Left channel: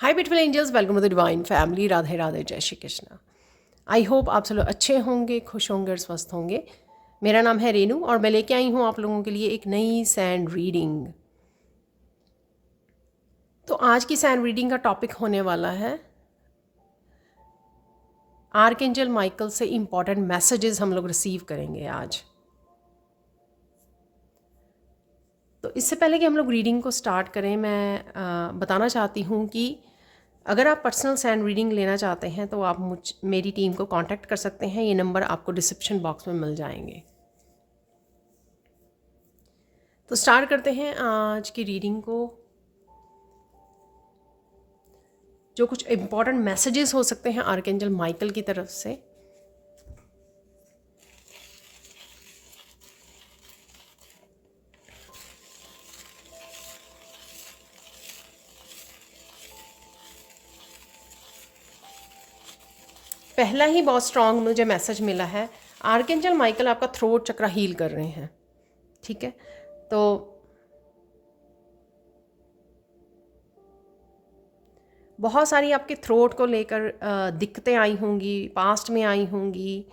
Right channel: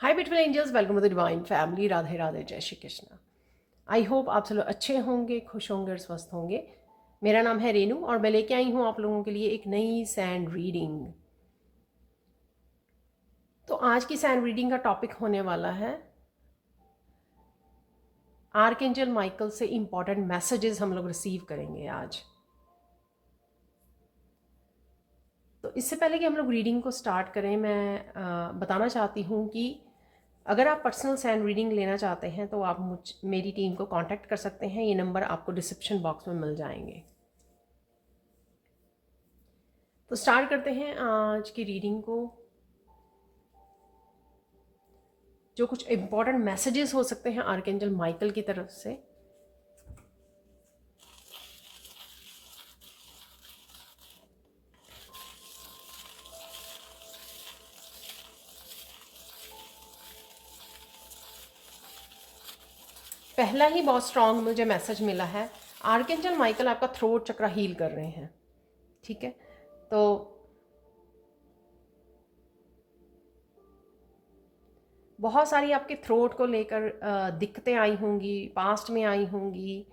Hi beautiful angels, welcome to the divine family. Radhe Radhe, जय Shri Krishna. I hope आप सब लोग अच्छे होंगे, खुश होंगे और स्वस्थ होंगे। मेरा नाम है रेनू और मैं लेके आई हूँ आप लोगों के लिए एक नई सैंड रीडिंग। तो आज की सैंड रीडिंग का टॉपिक होने वाला है आर्कएंजल माइकल से इम्पॉर्टेंट मैसेजेस हम लोग रिसीव करेंगे आज। तो इससे पहले कि हम लोग रीडिंग को स्टार्ट करें, मैं बताना चाहती हूँ कि अगर आप पर्सनल सैंड रीडिंग लेना चाहते हैं तो आप मेरी टीम को कांटेक्ट कर सकते हैं। ये नंबर आपको डिस्क्रिप्शन बॉक्स में मिल जाएंगे। तो स्टार्ट करते हैं आज की रीडिंग को। जो कुछ इम्पॉर्टेंट मैसेजेस हो सकते हैं आर्कएंजल माइकल की तरफ से। पहला ही बहुत स्ट्रांग मुझे मैसेज मिला है। आर्कएंजल माइकल आपका थ्रोट चक्र हील कर रहे हैं। ठीक है, तो बहुत सारी आपके थ्रोट को लेकर दिक्कतें आई होंगी, पास्ट में आई होंगी,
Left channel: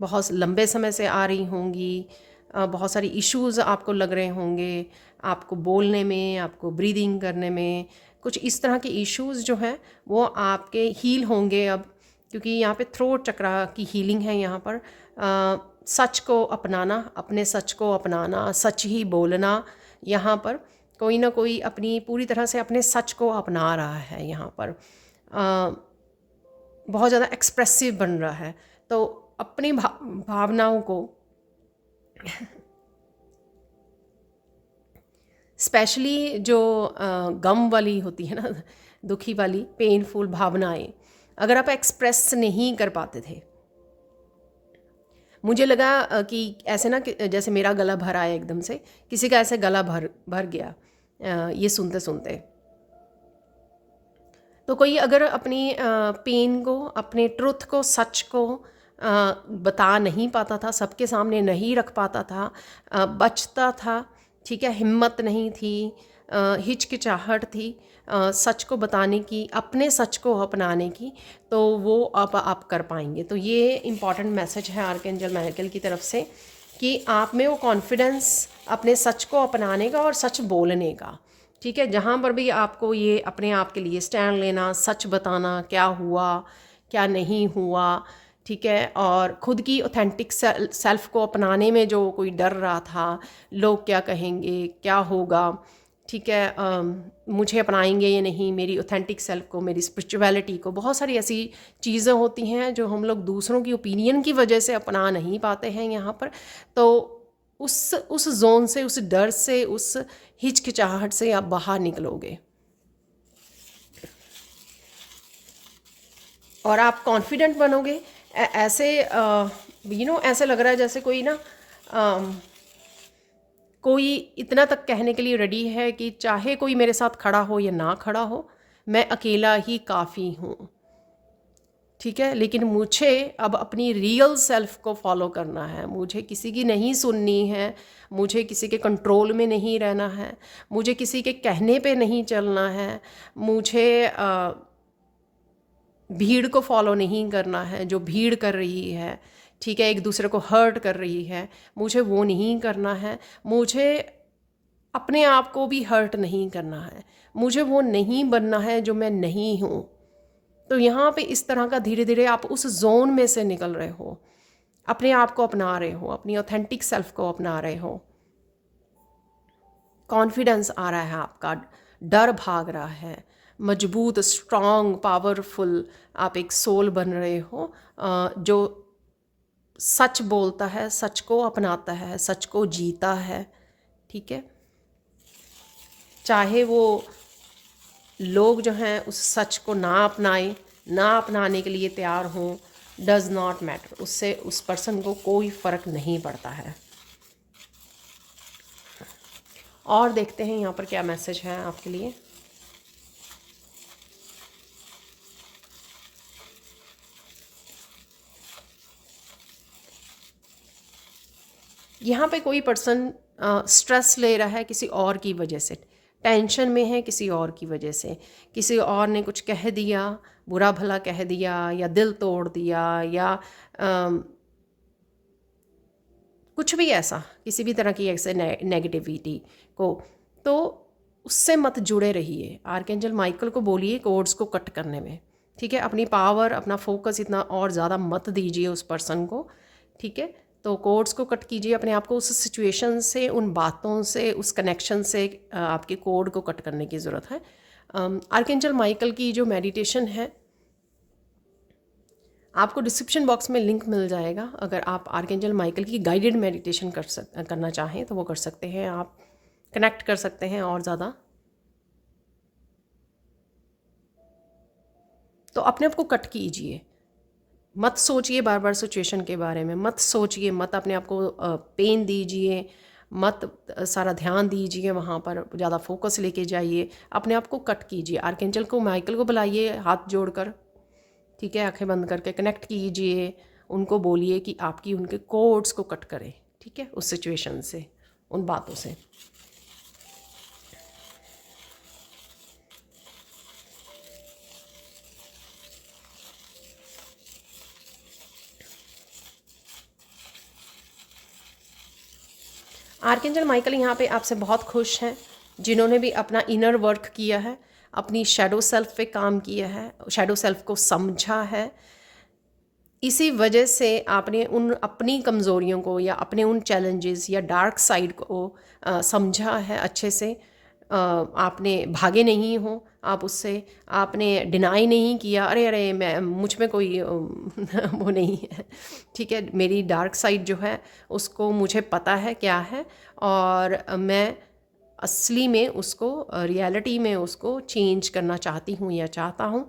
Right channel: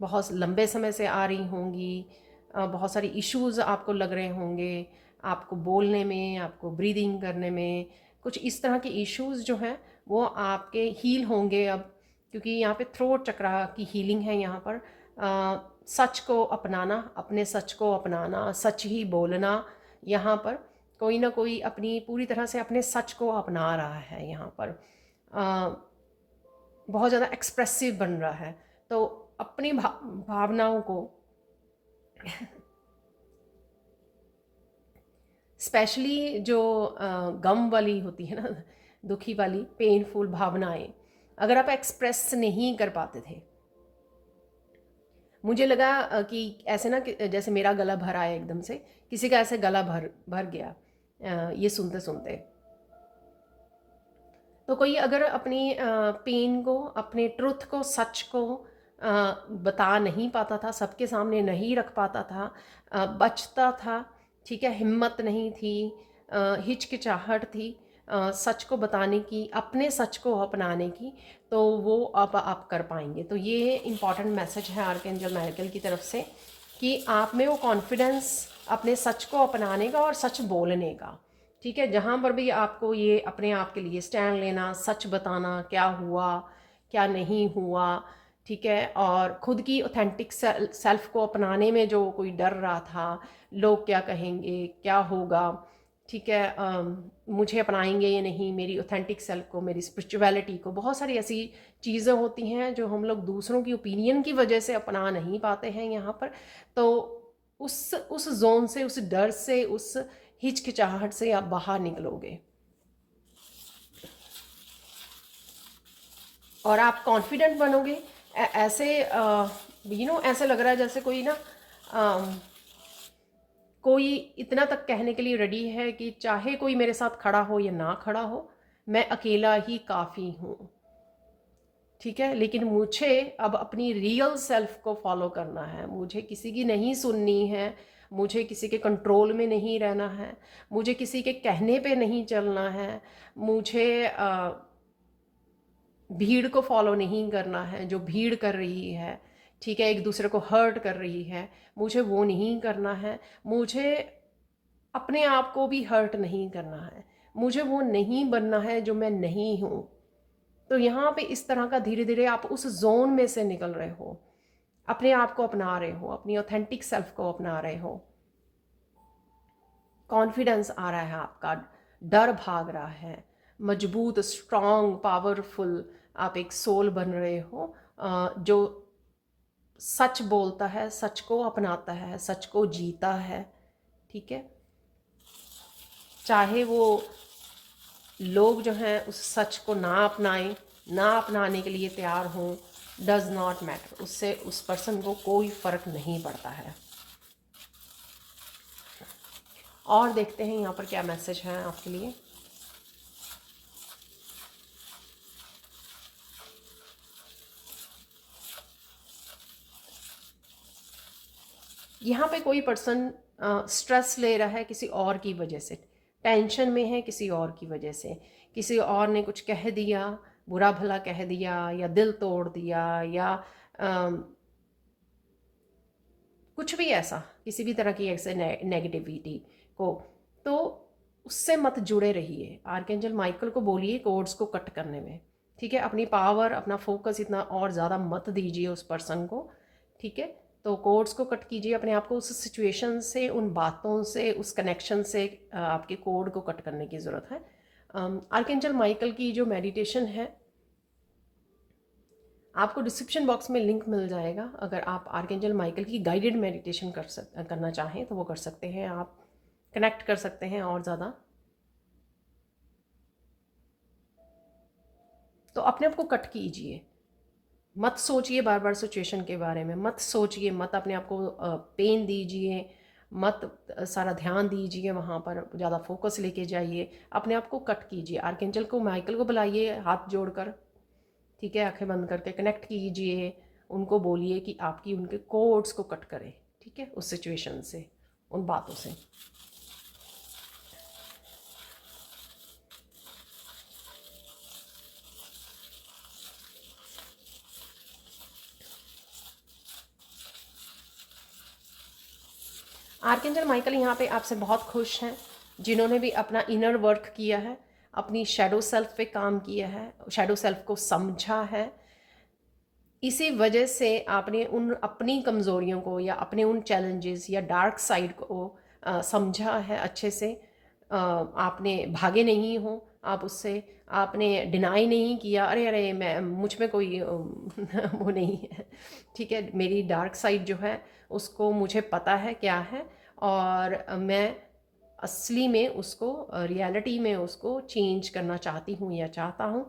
बहुत लंबे समय से आ रही होंगी। बहुत सारी इश्यूज़ आपको लग रहे होंगे, आपको बोलने में, आपको ब्रीदिंग करने में। कुछ इस तरह के इश्यूज़ जो हैं वो आपके हील होंगे अब, क्योंकि यहाँ पे थ्रोट चक्र की हीलिंग है। यहाँ पर सच को अपनाना, अपने सच को अपनाना, सच ही बोलना। यहाँ पर कोई ना कोई अपनी पूरी तरह से अपने सच को अपना रहा है। यहाँ पर बहुत ज़्यादा एक्सप्रेसिव बन रहा है। तो अपनी भावनाओं को स्पेशली जो गम वाली होती है ना, दुखी वाली पेनफुल भावनाएं, अगर आप एक्सप्रेस नहीं कर पाते थे, मुझे लगा कि ऐसे ना कि जैसे मेरा गला भर आया एकदम से, किसी का ऐसे गला भर भर गया ये सुनते सुनते। तो कोई अगर अपनी पेन को, अपने ट्रुथ को, सच को बता नहीं पाता था, सबके सामने नहीं रख पाता था, बचता था, ठीक है, हिम्मत नहीं थी, हिचकिचाहट थी सच को बताने की, अपने सच को अपनाने की, तो वो अब आप कर पाएंगे। तो ये इम्पॉर्टेंट मैसेज है आर्कएंजल माइकल की तरफ से कि आप में वो कॉन्फिडेंस अपने सच को अपनाने का और सच बोलने का। ठीक है, जहाँ पर भी आपको ये अपने आप के लिए स्टैंड लेना, सच बताना, क्या हुआ क्या नहीं हुआ, ठीक है, और ख़ुद की ऑथेंटिक सेल्फ को अपनाने में जो कोई डर रहा था, लोग क्या कहेंगे, क्या होगा, ठीक है, मुझे अपनाएंगे ये नहीं, मेरी ऑथेंटिक सेल्फ को, मेरी स्पिरिचुअलिटी को। बहुत सारी ऐसी चीज़ें होती हैं जो हम लोग दूसरों की ओपिनियन की वजह से अपना नहीं पाते हैं यहाँ पर। तो उस जोन से, उस डर से, उस हिचकिचाहट से आप बाहर निकलोगे और आप कॉन्फिडेंट बनोगे। ऐसे ऐसे लग रहा है जैसे कोई ना कोई इतना तक कहने के लिए रेडी है कि चाहे कोई मेरे साथ खड़ा हो या ना खड़ा हो, मैं अकेला ही काफ़ी हूँ। ठीक है, लेकिन मुझे अब अपनी रियल सेल्फ को फॉलो करना है। मुझे किसी की नहीं सुननी है, मुझे किसी के कंट्रोल में नहीं रहना है, मुझे किसी के कहने पे नहीं चलना है, मुझे भीड़ को फॉलो नहीं करना है जो भीड़ कर रही है, ठीक है, एक दूसरे को हर्ट कर रही है, मुझे वो नहीं करना है। मुझे अपने आप को भी हर्ट नहीं करना है, मुझे वो नहीं बनना है जो मैं नहीं हूँ। तो यहाँ पे इस तरह का धीरे धीरे आप उस जोन में से निकल रहे हो, अपने आप को अपना रहे हो, अपनी ऑथेंटिक सेल्फ को अपना रहे हो। कॉन्फिडेंस आ रहा है आपका, डर भाग रहा है, मजबूत, स्ट्रॉन्ग, पावरफुल आप एक सोल बन रहे हो जो सच बोलता है, सच को अपनाता है, सच को जीता है। ठीक है, चाहे वो लोग जो हैं उस सच को ना अपनाए, ना अपनाने के लिए तैयार हों, डज़ नॉट मैटर, उससे उस पर्सन को कोई फ़र्क नहीं पड़ता है। और देखते हैं यहाँ पर क्या मैसेज है आपके लिए। यहाँ पे कोई पर्सन स्ट्रेस ले रहा है किसी और की वजह से, टेंशन में है किसी और की वजह से, किसी और ने कुछ कह दिया, बुरा भला कह दिया या दिल तोड़ दिया या कुछ भी ऐसा, किसी भी तरह की ऐसे नेगेटिविटी को, तो उससे मत जुड़े रहिए। आर्कएंजल माइकल को बोलिए कोड्स को कट करने में, ठीक है। अपनी पावर, अपना फोकस इतना और ज़्यादा मत दीजिए उस पर्सन को, ठीक है। तो कोड्स को कट कीजिए, अपने आप को उस सिचुएशन से, उन बातों से, उस कनेक्शन से आपके कोड को कट करने की ज़रूरत है। आर्कएंजल माइकल की जो मेडिटेशन है, आपको डिस्क्रिप्शन बॉक्स में लिंक मिल जाएगा। अगर आप आर्कएंजल माइकल की गाइडेड मेडिटेशन करना चाहें तो वो कर सकते हैं, आप कनेक्ट कर सकते हैं और ज़्यादा। तो अपने आप को कट कीजिए, मत सोचिए बार बार सिचुएशन के बारे में, मत सोचिए, मत अपने आप को पेन दीजिए, मत सारा ध्यान दीजिए वहाँ पर, ज़्यादा फोकस लेके जाइए, अपने आप को कट कीजिए। आर्कएंजल को, माइकल को बुलाइए हाथ जोड़कर, ठीक है, आंखें बंद करके कनेक्ट कीजिए, उनको बोलिए कि आपकी उनके कोड्स को कट करें, ठीक है, उस सिचुएशन से, उन बातों से। आर्कएंजल माइकल यहाँ पे आपसे बहुत खुश हैं, जिन्होंने भी अपना इनर वर्क किया है, अपनी शैडो सेल्फ पे काम किया है, शैडो सेल्फ को समझा है। इसी वजह से आपने उन अपनी कमज़ोरियों को या अपने उन चैलेंजेस या डार्क साइड को समझा है अच्छे से। आपने भागे नहीं हो आप उससे, आपने डिनाई नहीं किया, अरे अरे मैं मुझ में कोई वो नहीं है, ठीक है, मेरी डार्क साइड जो है उसको मुझे पता है क्या है, और मैं असली में उसको, रियलिटी में उसको चेंज करना चाहती हूँ या चाहता हूँ,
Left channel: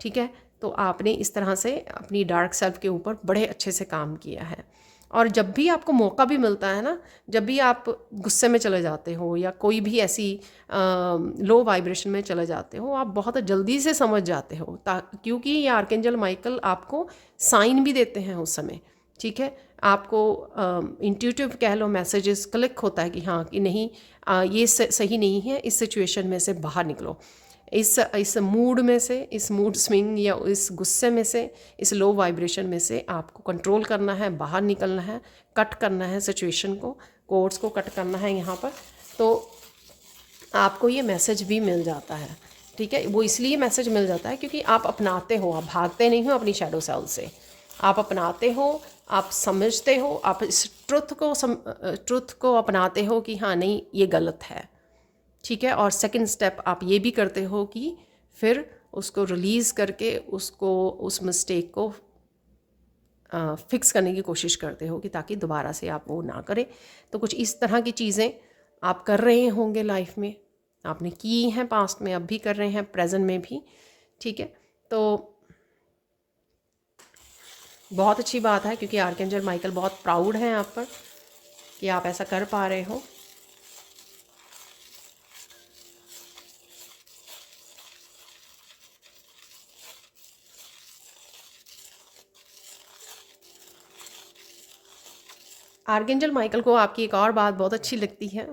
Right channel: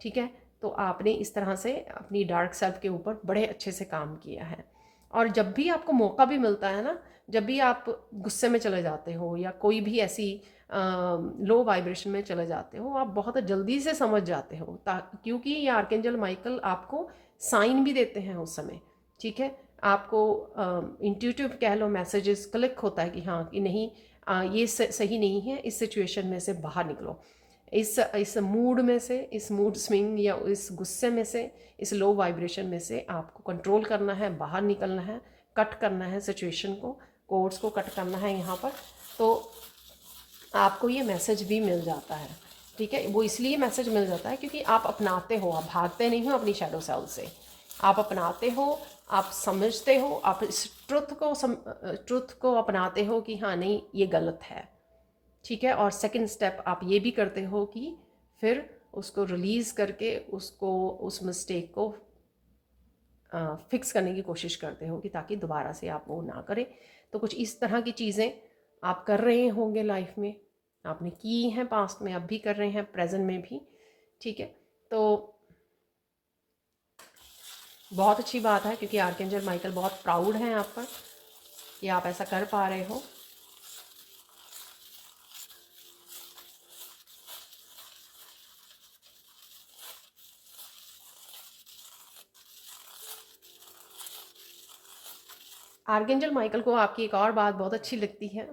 ठीक है। तो आपने इस तरह से अपनी डार्क सेल्फ के ऊपर बड़े अच्छे से काम किया है। और जब भी आपको मौका भी मिलता है ना, जब भी आप गुस्से में चले जाते हो या कोई भी ऐसी लो वाइब्रेशन में चले जाते हो, आप बहुत जल्दी से समझ जाते हो, क्योंकि ये आर्कएंजल माइकल आपको साइन भी देते हैं उस समय, ठीक है। आपको इंट्यूटिव कह लो, मैसेजेस क्लिक होता है कि हाँ कि नहीं, ये सही नहीं है, इस सिचुएशन में से बाहर निकलो, इस मूड में से, इस मूड स्विंग या इस गुस्से में से, इस लो वाइब्रेशन में से आपको कंट्रोल करना है, बाहर निकलना है, कट करना है सिचुएशन को, कोड्स को कट करना है यहाँ पर। तो आपको ये मैसेज भी मिल जाता है, ठीक है। वो इसलिए मैसेज मिल जाता है क्योंकि आप अपनाते हो, आप भागते नहीं हो अपनी शैडो सेल से, आप अपनाते हो, आप समझते हो, आप इस ट्रुथ को अपनाते हो कि हाँ नहीं ये गलत है, ठीक है। और सेकंड स्टेप आप ये भी करते हो कि फिर उसको रिलीज़ करके उसको, उस मिस्टेक को फिक्स करने की कोशिश करते हो कि ताकि दोबारा से आप वो ना करें। तो कुछ इस तरह की चीज़ें आप कर रहे होंगे लाइफ में, आपने की हैं पास्ट में, अब भी कर रहे हैं प्रेजेंट में भी, ठीक है। तो बहुत अच्छी बात है, क्योंकि आर्कएंजल माइकल बहुत प्राउड हैं आप पर कि आप ऐसा कर पा रहे हो। आर्कएंजल माइकल को आपकी एक और बात बहुत अच्छी लगती है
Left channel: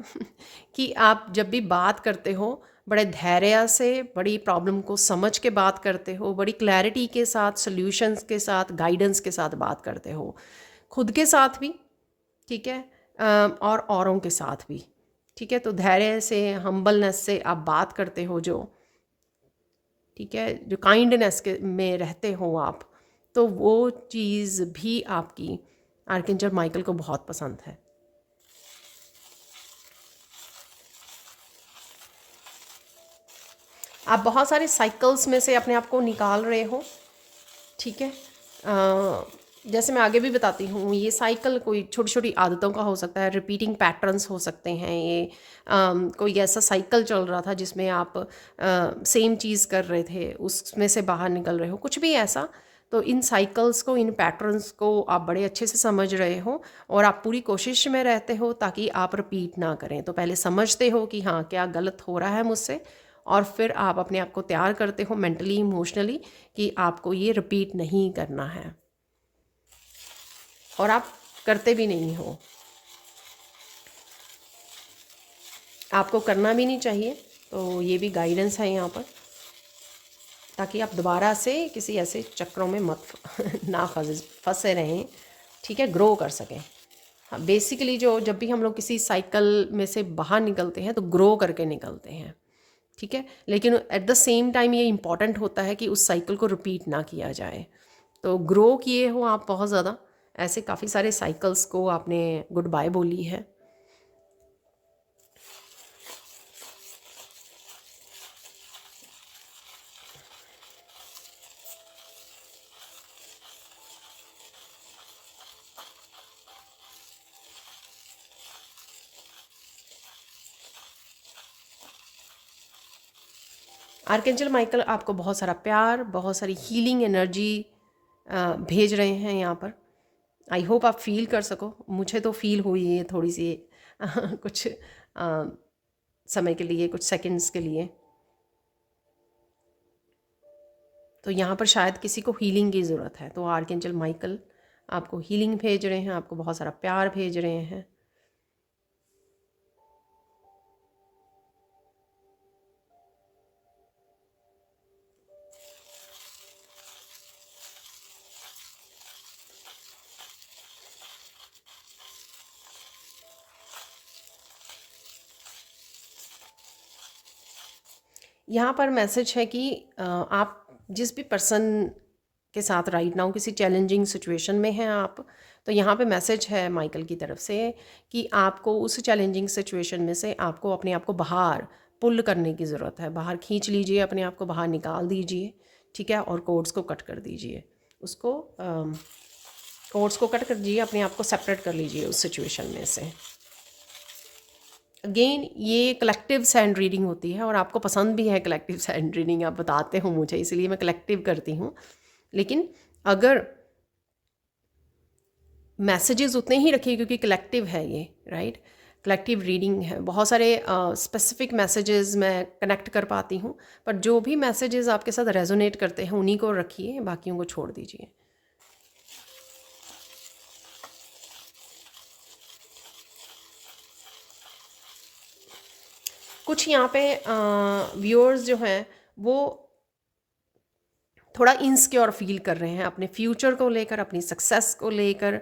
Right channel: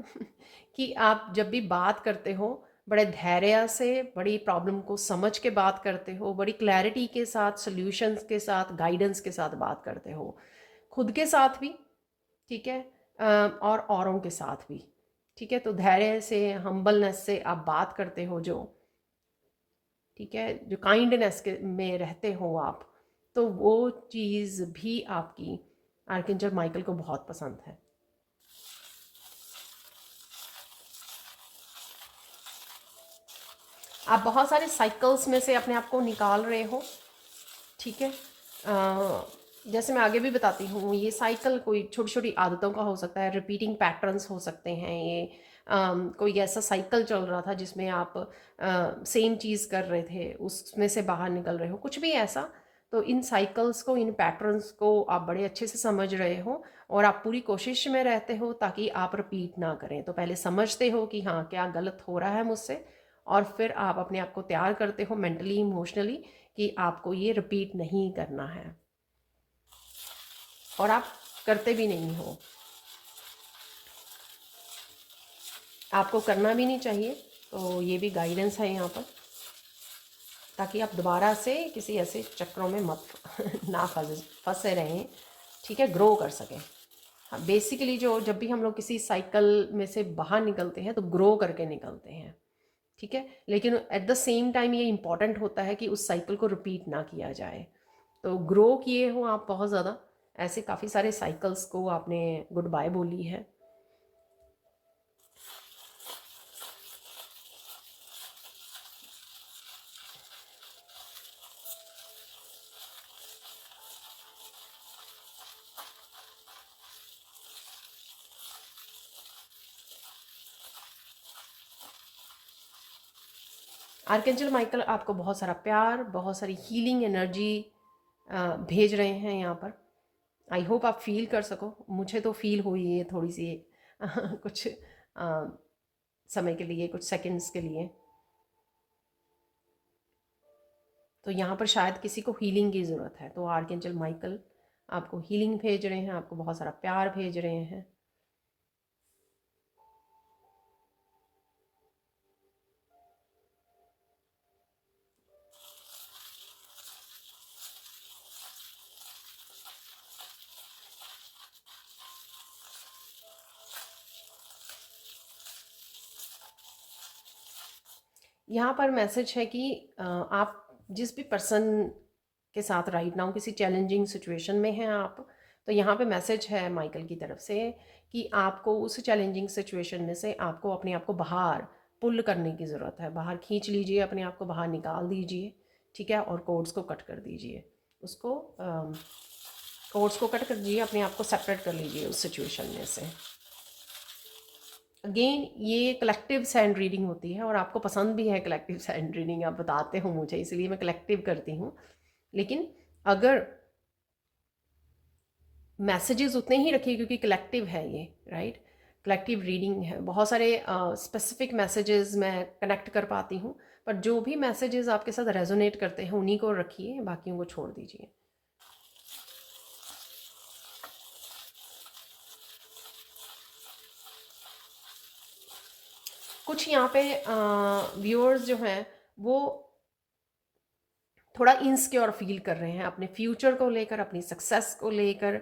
कि आप जब भी बात करते हो बड़े धैर्य से, बड़ी प्रॉब्लम को समझ के बात करते हो, बड़ी क्लैरिटी के साथ, सॉल्यूशंस के साथ, गाइडेंस के साथ बात करते हो, खुद के साथ भी, ठीक है, और औरों के साथ भी, ठीक है। तो धैर्य से, हम्बलनेस से आप बात करते हो जो, ठीक है, जो काइंडनेस के में रहते हो आप, तो वो चीज़ भी आपकी आर्कएंजल माइकल को बहुत पसंद है। आप बहुत सारे साइकिल्स में से अपने आप को निकाल रहे हो, ठीक है। जैसे मैं आगे भी बताती हूँ, ये साइकिल कोई छोटी छोटी आदतों का हो सकता है, रिपीटिंग पैटर्न्स हो सकते हैं, ये कोई ऐसा साइकिल चल रहा था जिसमें आप सेम चीज़ कर रहे थे, उसमें से बाहर निकल रहे हो, कुछ भी ऐसा। तो इन साइकिल्स को, इन पैटर्न्स को आप बड़े अच्छे से समझ रहे हो, और आप पूरी कोशिश में रहते हो ताकि आप रिपीट ना करें। तो पहले समझते हो कि हाँ क्या गलत हो रहा है मुझसे, और फिर आप अपने आप को तैयार करते हो मेंटली, इमोशनली, कि आपको ये रिपीट नहीं करना है, और आप करते भी नहीं हो, आपको करना भी नहीं चाहिए। तो ये भी गाइडेंस है यहाँ पर, ताकि आप दोबारा से किसी ऐसे चक्रों में मत ना फंसे रहें, ठीक है, ग्रो कर सकें। हाँ, बेसिकली जो जब भी हम लोग किसी साइकिल में से बाहर निकलते हैं तो ग्रो करके निकलते हैं, ठीक है, लेकिन एट द सेम टाइम ये इम्पॉर्टेंट होता है कि उस साइकिल को रिपीट ना किया जाए। तो ग्रो किए हो आप बहुत ज़्यादा, ऐसे काफ़ी सारे साइकिल्स को आपने गुड बाय बोली है। आर्कएंजल माइकल आपको बहुत सारा प्यार, बहुत सारी हीलिंग एनर्जी भेज रहे हैं यहाँ पर। आई होप आप फील कर सको, मुझे तो फील हुई है थोड़ी सी कुछ समय के लिए, कुछ सेकंड्स के लिए। तो यहाँ पर शायद किसी को हीलिंग की ज़रूरत है, तो आर्कएंजल माइकल आपको हीलिंग भेज रहे हैं, आपको बहुत सारा प्यार भेज रहे हैं। यहाँ पर मैसेज है कि आप जिस भी पर्सन के साथ राइट नाउ किसी चैलेंजिंग सिचुएशन में हैं आप, तो यहाँ पे मैसेज है माइकल की तरफ से कि आपको उस चैलेंजिंग सिचुएशन में से आपको अपने आप को बाहर पुल करने की ज़रूरत है। बाहर खींच लीजिए, अपने आप को बाहर निकाल दीजिए, ठीक है, और कोड्स को कट कर दीजिए, उसको कोड्स को कट कर दीजिए, अपने आप को सेपरेट कर लीजिए उस सिचुएशन में से। अगेन ये कलेक्टिव सैंड रीडिंग होती है और आपको पसंद भी है कलेक्टिव सैंड रीडिंग, आप बताते हो मुझे, इसलिए मैं कलेक्टिव करती हूँ। लेकिन अगर मैसेजेस उतने ही रखिए क्योंकि कलेक्टिव है ये, राइट, कलेक्टिव रीडिंग है, बहुत सारे स्पेसिफिक मैसेजेस मैं कनेक्ट कर पाती हूँ, पर जो भी मैसेजेस आपके साथ रेजोनेट करते हैं उन्हीं को रखिए, बाकियों को छोड़ दीजिए। कुछ यहाँ पे व्यूअर्स जो हैं वो थोड़ा इनसिक्योर फील कर रहे हैं अपने फ्यूचर को लेकर, अपनी सक्सेस को लेकर,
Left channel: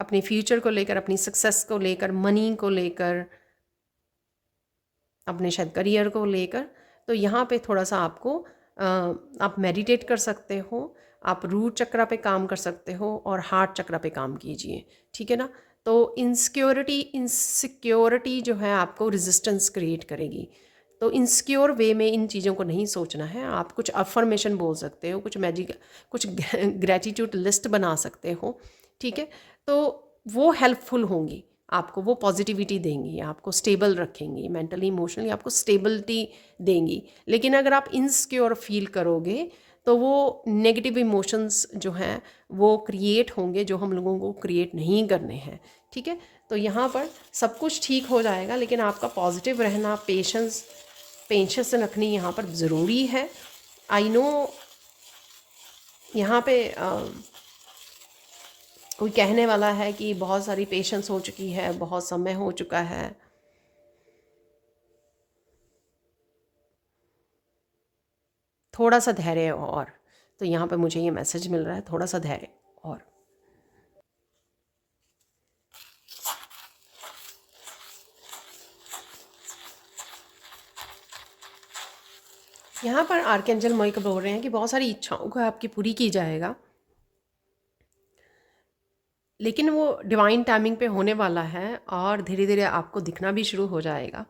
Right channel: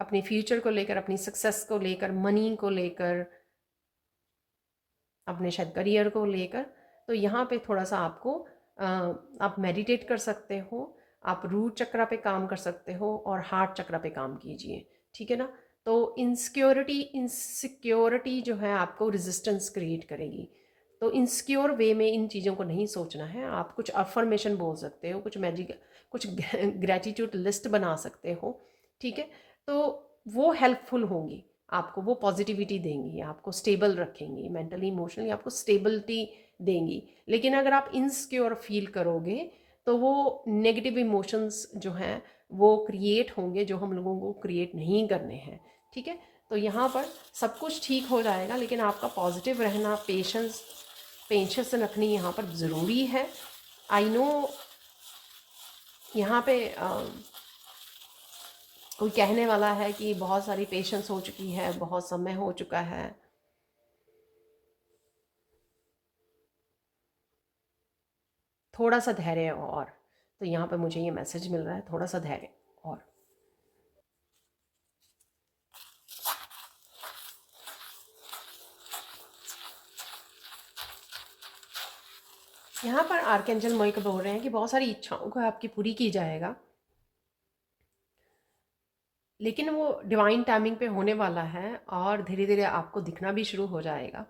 अपने फ्यूचर को लेकर, अपनी सक्सेस को लेकर, मनी को लेकर, अपने शायद करियर को लेकर। तो यहाँ पे थोड़ा सा आपको आप मेडिटेट कर सकते हो, आप रूट चक्र पे काम कर सकते हो और हार्ट चक्र पे काम कीजिए, ठीक है ना। तो इनसिक्योरिटी जो है आपको रेजिस्टेंस क्रिएट करेगी, तो इनसिक्योर वे में इन चीज़ों को नहीं सोचना है। आप कुछ अफर्मेशन बोल सकते हो, कुछ कुछ ग्रेटिट्यूड लिस्ट बना सकते हो, ठीक है, तो वो हेल्पफुल होंगी आपको, वो पॉजिटिविटी देंगी, आपको स्टेबल रखेंगी, मेंटली इमोशनली आपको स्टेबिलिटी देंगी। लेकिन अगर आप इनसिक्योर फील करोगे तो वो नेगेटिव इमोशंस जो हैं वो क्रिएट होंगे, जो हम लोगों को क्रिएट नहीं करने हैं, ठीक है। तो यहाँ पर सब कुछ ठीक हो जाएगा, लेकिन आपका पॉजिटिव रहना, पेशेंस रखनी यहाँ पर ज़रूरी है। आई नो यहाँ पे कोई कहने वाला है कि बहुत सारी पेशेंस हो चुकी है, बहुत समय हो चुका है। थोड़ा सा धैर्य और, तो यहाँ पे मुझे ये मैसेज मिल रहा है, थोड़ा सा धैर्य और। यहाँ पर आर्कएंजल माइकल बोल रहे हैं कि बहुत सारी इच्छाओं को आपकी पूरी की जाएगा, लेकिन वो डिवाइन टाइमिंग पे होने वाला है और धीरे धीरे आपको दिखना भी शुरू हो जाएगा,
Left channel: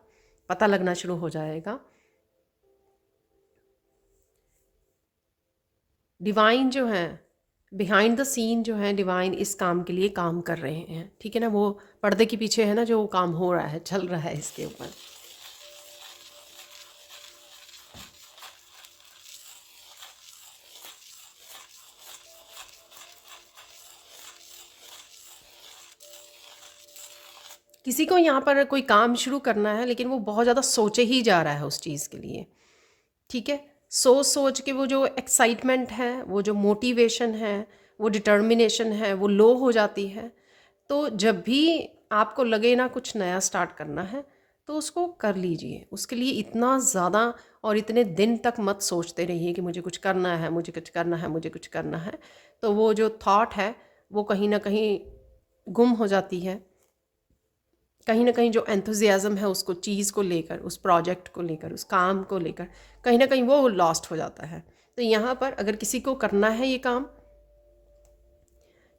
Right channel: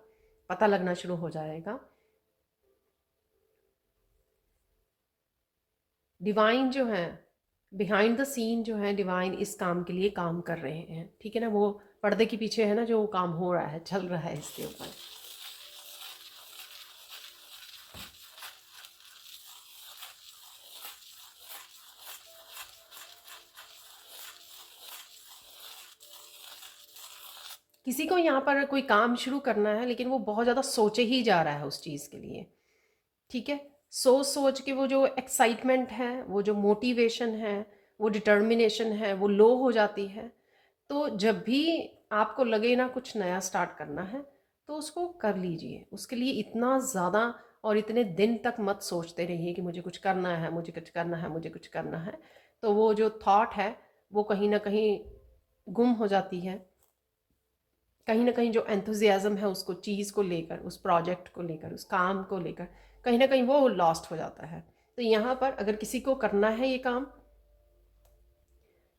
पता लगना शुरू हो जाएगा। डिवाइन जो है, बिहाइंड द सीन जो है, डिवाइन इस काम के लिए काम कर रहे हैं, ठीक है ना। वो पर्दे के पीछे है ना, जो काम हो रहा है, चल रहा है इसके ऊपर। किसी को यहाँ पर कोई काम शुरू करना है, लेकिन वो बहुत ज़्यादा सोचे ही जा रहा है उस चीज़ के लिए, ठीक है। सोच के वो जो एक्साइटमेंट है, वो जो मोटिवेशन है, वो डिटर्मिनेशन है, वो लो हो जाती है। तो जब भी आपको लगे ना कुछ नया स्टार्ट करना है तो उसको कर लीजिए। उसके लिए इतना ज़्यादा और इतने दिन तक मत सोचते रहिए कि मुझे कुछ करना है, मुझे कुछ करना है, मुझे कुछ करना है। तो वो जो थॉट है वो कहीं ना कहीं गुम हो जाती है। कहीं ना कहीं जो एंथुजियाज़म है उसको चीज़ को लेकर, उस प्रोजेक्ट को लेकर, उस काम को लेकर, कहीं ना कहीं वो लॉस्ट हो जाता है। तो यहाँ पर अगर किसी को करना है ये काम,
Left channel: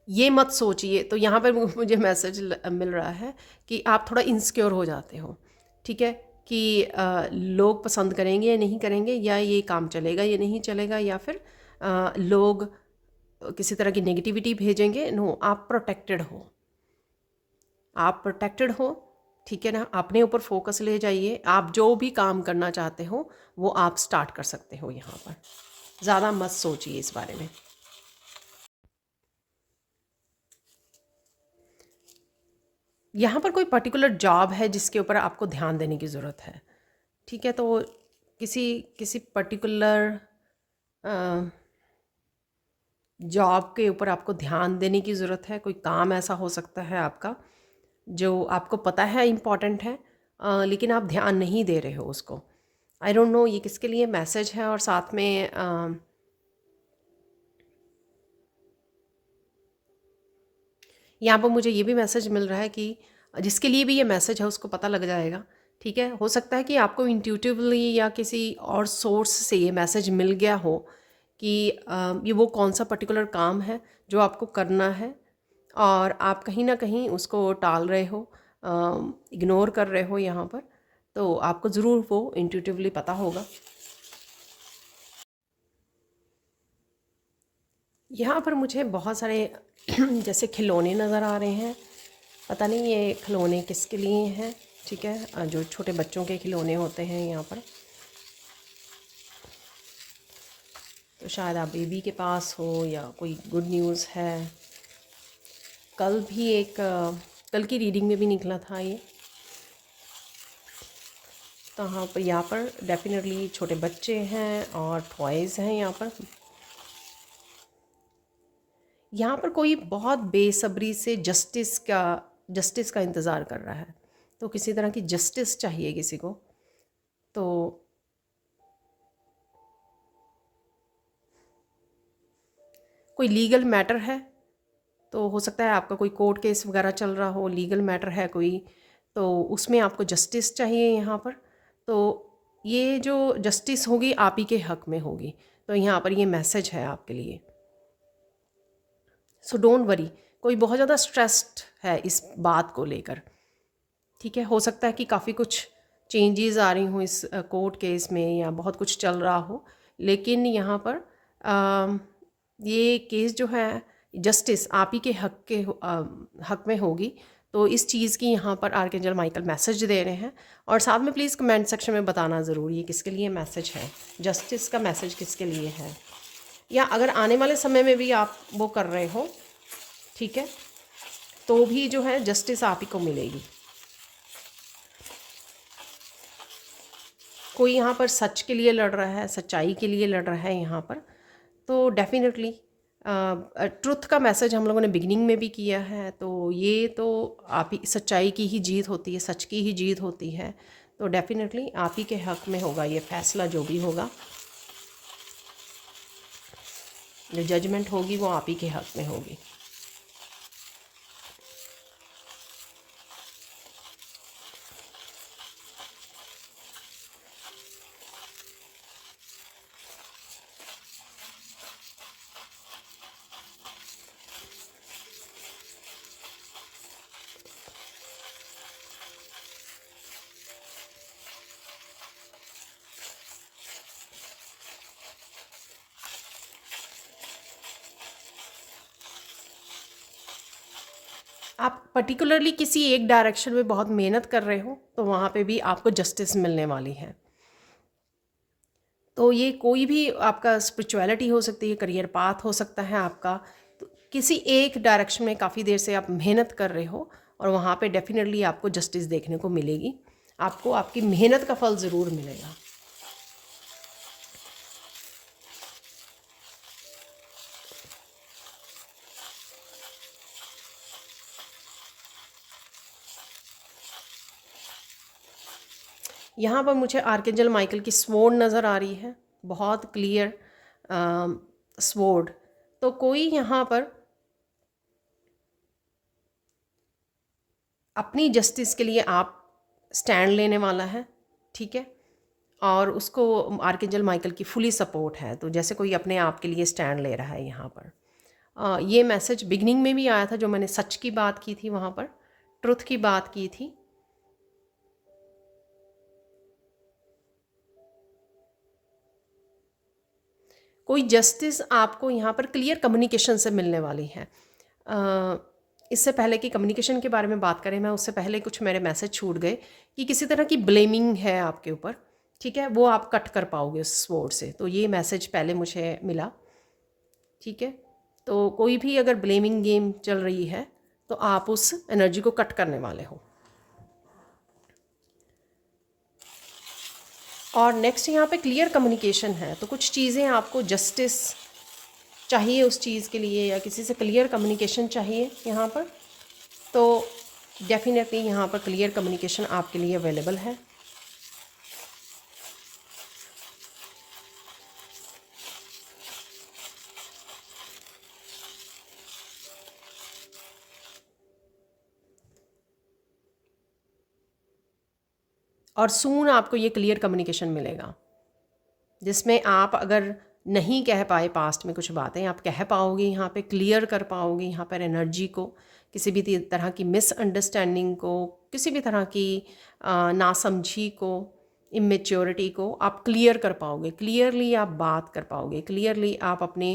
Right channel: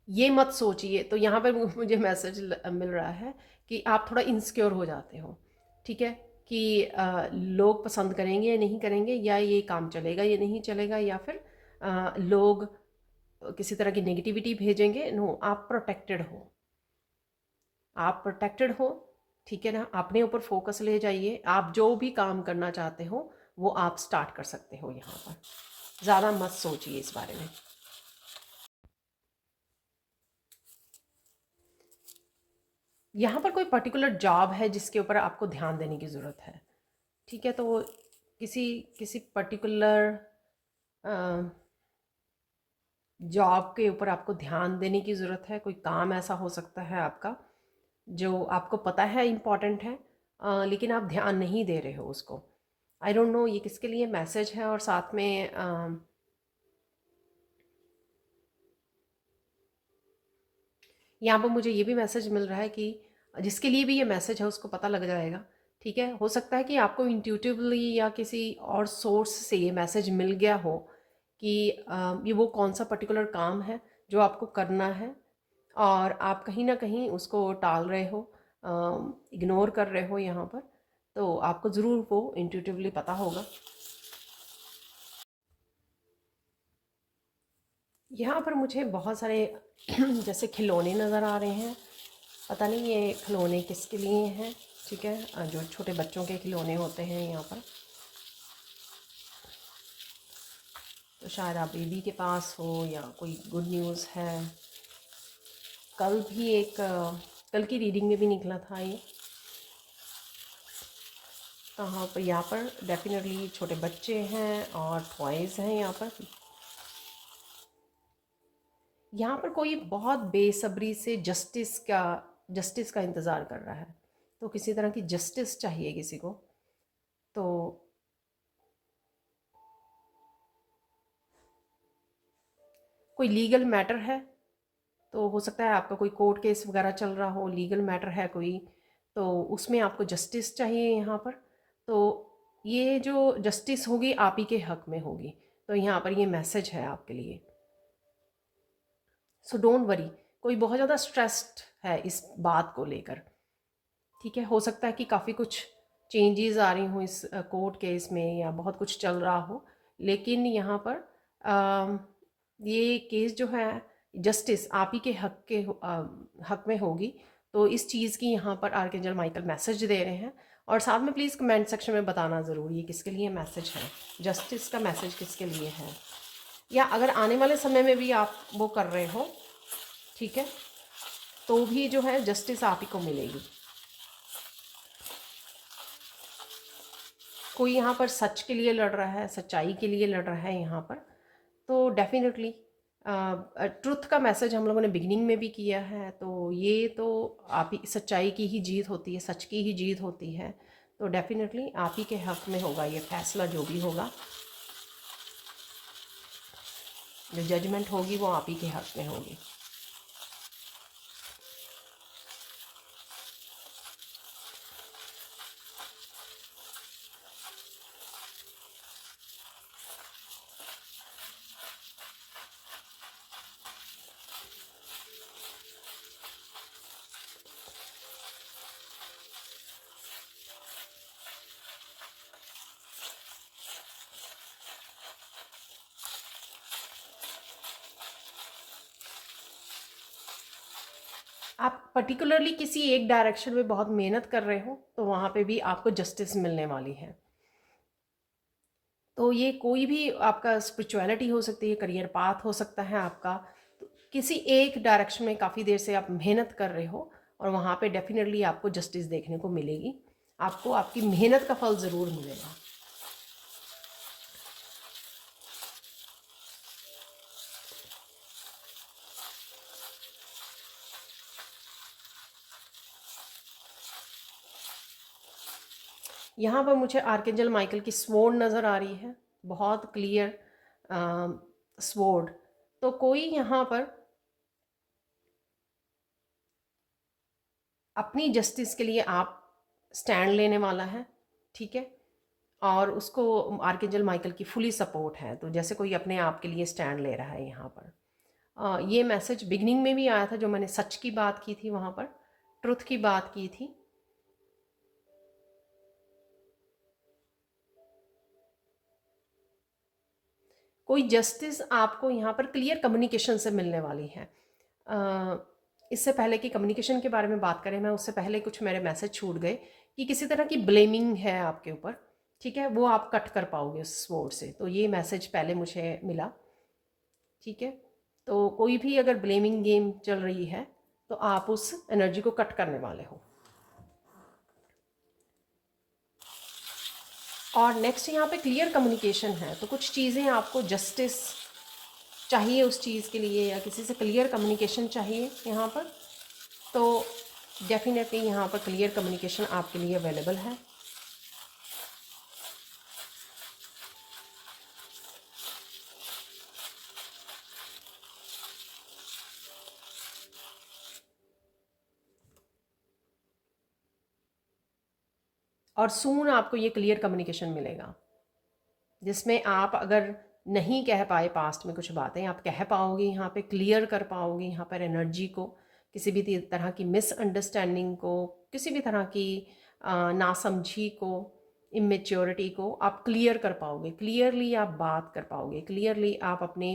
ये मत सोचिए। तो यहाँ पर मुझे मैसेज मिल रहा है कि आप थोड़ा इनसिक्योर हो जाते हो, ठीक है, कि लोग पसंद करेंगे या नहीं करेंगे, या ये काम चलेगा या नहीं चलेगा, या फिर लोग किसी तरह की नेगेटिविटी भेजेंगे। नो, आप प्रोटेक्टेड हो, आप प्रोटेक्टेड हो, ठीक है ना। अपने ऊपर फोकस ले जाइए। आप जो भी काम करना चाहते हो वो आप स्टार्ट कर सकते हो। यहाँ पर ज़्यादा मत सोचिए इस बारे में। यहाँ पर कोई पर्टिकुलर जॉब है जिसके ऊपर आपको ध्यान देने की ज़रूरत है, ठीक है। तो किसी किसी पर्टिकुलर जॉब के ऊपर आपको ध्यान देने की ज़रूरत है। कोई काम ऐसा हो सकता है आपका जो आपको पता है इम्पॉर्टेंट है, लेकिन आप ध्यान नहीं दे रहे हो उसको। आई डोंट नो ये किसके लिए मैसेज है। और साथ में यहाँ पर मुझे ये भी मैसेज मिल रहा है कि जिसके लिए भी ये मैसेज है उसको पता लग जाएगा, ठीक है। हो सकता है कि आपको इंट्यूटिवली या किसी और सोर्स से ये मैसेज मिल गया हो कि ये वो कौन सा पर्टिकुलर काम है जो आपको करना है, और आप कहीं ना कहीं उसको टाल रहे हो, इग्नोर कर रहे हो यहाँ पर। तो आपको ज़रूर वो इंट्यूटिवली पता होगा। यहाँ पर मुझे बहुत सारे जैसे खिलौने नज़र आ रहे हैं। पता नहीं ये खिलौने किसके लिए हैं, ठीक है। जो छोटे बच्चों के खिलौने होते हैं यहाँ पर, तो शायद आप बेबी के पास हो या कोई गुड न्यूज़ है। कल भी एक कल की रीडिंग में भी निकला था ये। तो यहाँ पर डेफिनेटली छोटे बच्चे हैं और टॉयज़ हैं यहाँ पर। यहाँ पर कोई बहुत बेसब्री से जस्टिस का इंतज़ार कर रहा है। तो किसी तरह की जस्टिस चाहिए किसी को। तो कोई लीगल मैटर है, तो हो सकता है आपका कोई कोर्ट केस वगैरह चल रहा हो, लीगल मैटर है कोई, तो उसमें आपको जस्टिस चाहिए यहाँ पर। तो ये जो जस्टिस होगी आप ही के हक में होगी। तो यहाँ पर ये मैसेज है आपके लिए। So don't worry. कोई बहुत ज़्यादा स्ट्रेस्ड है इस बात को लेकर, ठीक है। हो सकता है कि काफ़ी कुछ चेंजेस आ रही हों इस कोर्ट केस में, या बहुत कुछ चल रहा हो, लेकिन यहाँ पर ये केस जो है जस्टिस आप ही के हक में होगी। तो इस चीज़ की यहाँ पर आर्कएंजल माइकल मैसेज दे रहे हैं। और साथ में प्लीज़ कमेंट सेक्शन में बताना ज़रूरी है किसके लिए मैसेज है, जस्टिस का मैसेज किसके लिए है, या अगर आने वाले समय में भी आप वो कर रहे हो, ठीक है, तो भी जो है जस्टिस आप ही को मिलेगी। कोई यहाँ पर सच के लिए लड़ रहा है, सच्चाई के लिए लड़ रहा है यहाँ पर। तो डेफिनेटली ट्रुथ का मैसेज हम लोगों ने बिगिनिंग में भी किया है। तो ये तो आप ही, सच्चाई की ही जीत होती है, सच की ही जीत होती है। तो डेफिनेटली आप ही के हक में होगा ये फैसला, जो भी होगा, जो जजमेंट होगी वो आप ही के हक में होगी। आप पर्टिकुलरली किसी एक डायरेक्शन में बहुत मेहनत कर रहे हो तो वहाँ पे भी आपको जस्टिस मिलने वाली है। तो ये कोई भी आपका स्पिरिचुअलिटी हो सकती है, करियर पाथ हो सकता है आपका। तो किसी एक डायरेक्शन में काफ़ी देर से आप मेहनत कर रहे हो और वहाँ पे डेफिनेटली आपको जस्टिस देखने को मिलेगी। आपको आपकी मेहनत का फल ज़रूर मिलेगा। यहाँ पर मुझे आर्कएंजल माइकल की स्वॉर्ड नज़र आ रही है, बहुत क्लियर स्वॉर्ड। तो कोई यहाँ पर अपनी जस्टिस के लिए आप स्टैंड लेने वाला है, ठीक है, और उसको आर्कएंजल माइकल की फुली सपोर्ट है। तो जैसे कोई अपने आप के लिए स्टैंड ले रहा है यहाँ पर। ये मैसेज बिगनिंग में भी आया था, जो मैंने सच की बात की थी, वहाँ पर ट्रुथ की बात की थी। कोई जस्टिस आपको यहाँ पर क्लियर कम्युनिकेशन से मिलने वाली है। इससे पहले कि कम्युनिकेशन के बारे में बात करें, मैं उससे पहले कुछ मेरे मैसेज छूट गए कि किसी तरह की ब्लेमिंग है आपके ऊपर, ठीक है, वो आप कट कर पाओगे उस स्वॉर्ड से। तो ये मैसेज पहले मुझे मिला, ठीक है। तो कोई भी अगर ब्लेमिंग गेम चल रही है तो आप उस एनर्जी को कट करने वाले हो। और नेक्स्ट यहाँ पे क्लियर कम्युनिकेशन है, तो कुछ चीज़ें आपको जस्टिस चाहिए उस चीज़ के लिए, या किसी से क्लियर कम्युनिकेशन चाहिए यहाँ पर, तो डेफिनेटली यहाँ पर क्लियर कम्युनिकेशन आपके लिए अवेलेबल है। और सून आपको ये क्लियर कम्युनिकेशन मिलेगा, जिसमें आप अगर नहीं कह पाए पास्ट में कुछ बातें, आप कह पाओगे, यहाँ पे क्लियर कर पाओगे यहाँ पर एनर्जी को, किसी भी तरह की मिसअंडरस्टैंडिंग को, किसी भी तरह की नासमझी को, इमेच्योरिटी को आप क्लियर कर पाओगे, क्लियरली आप बात कर पाओगे, क्लियरली आप अपने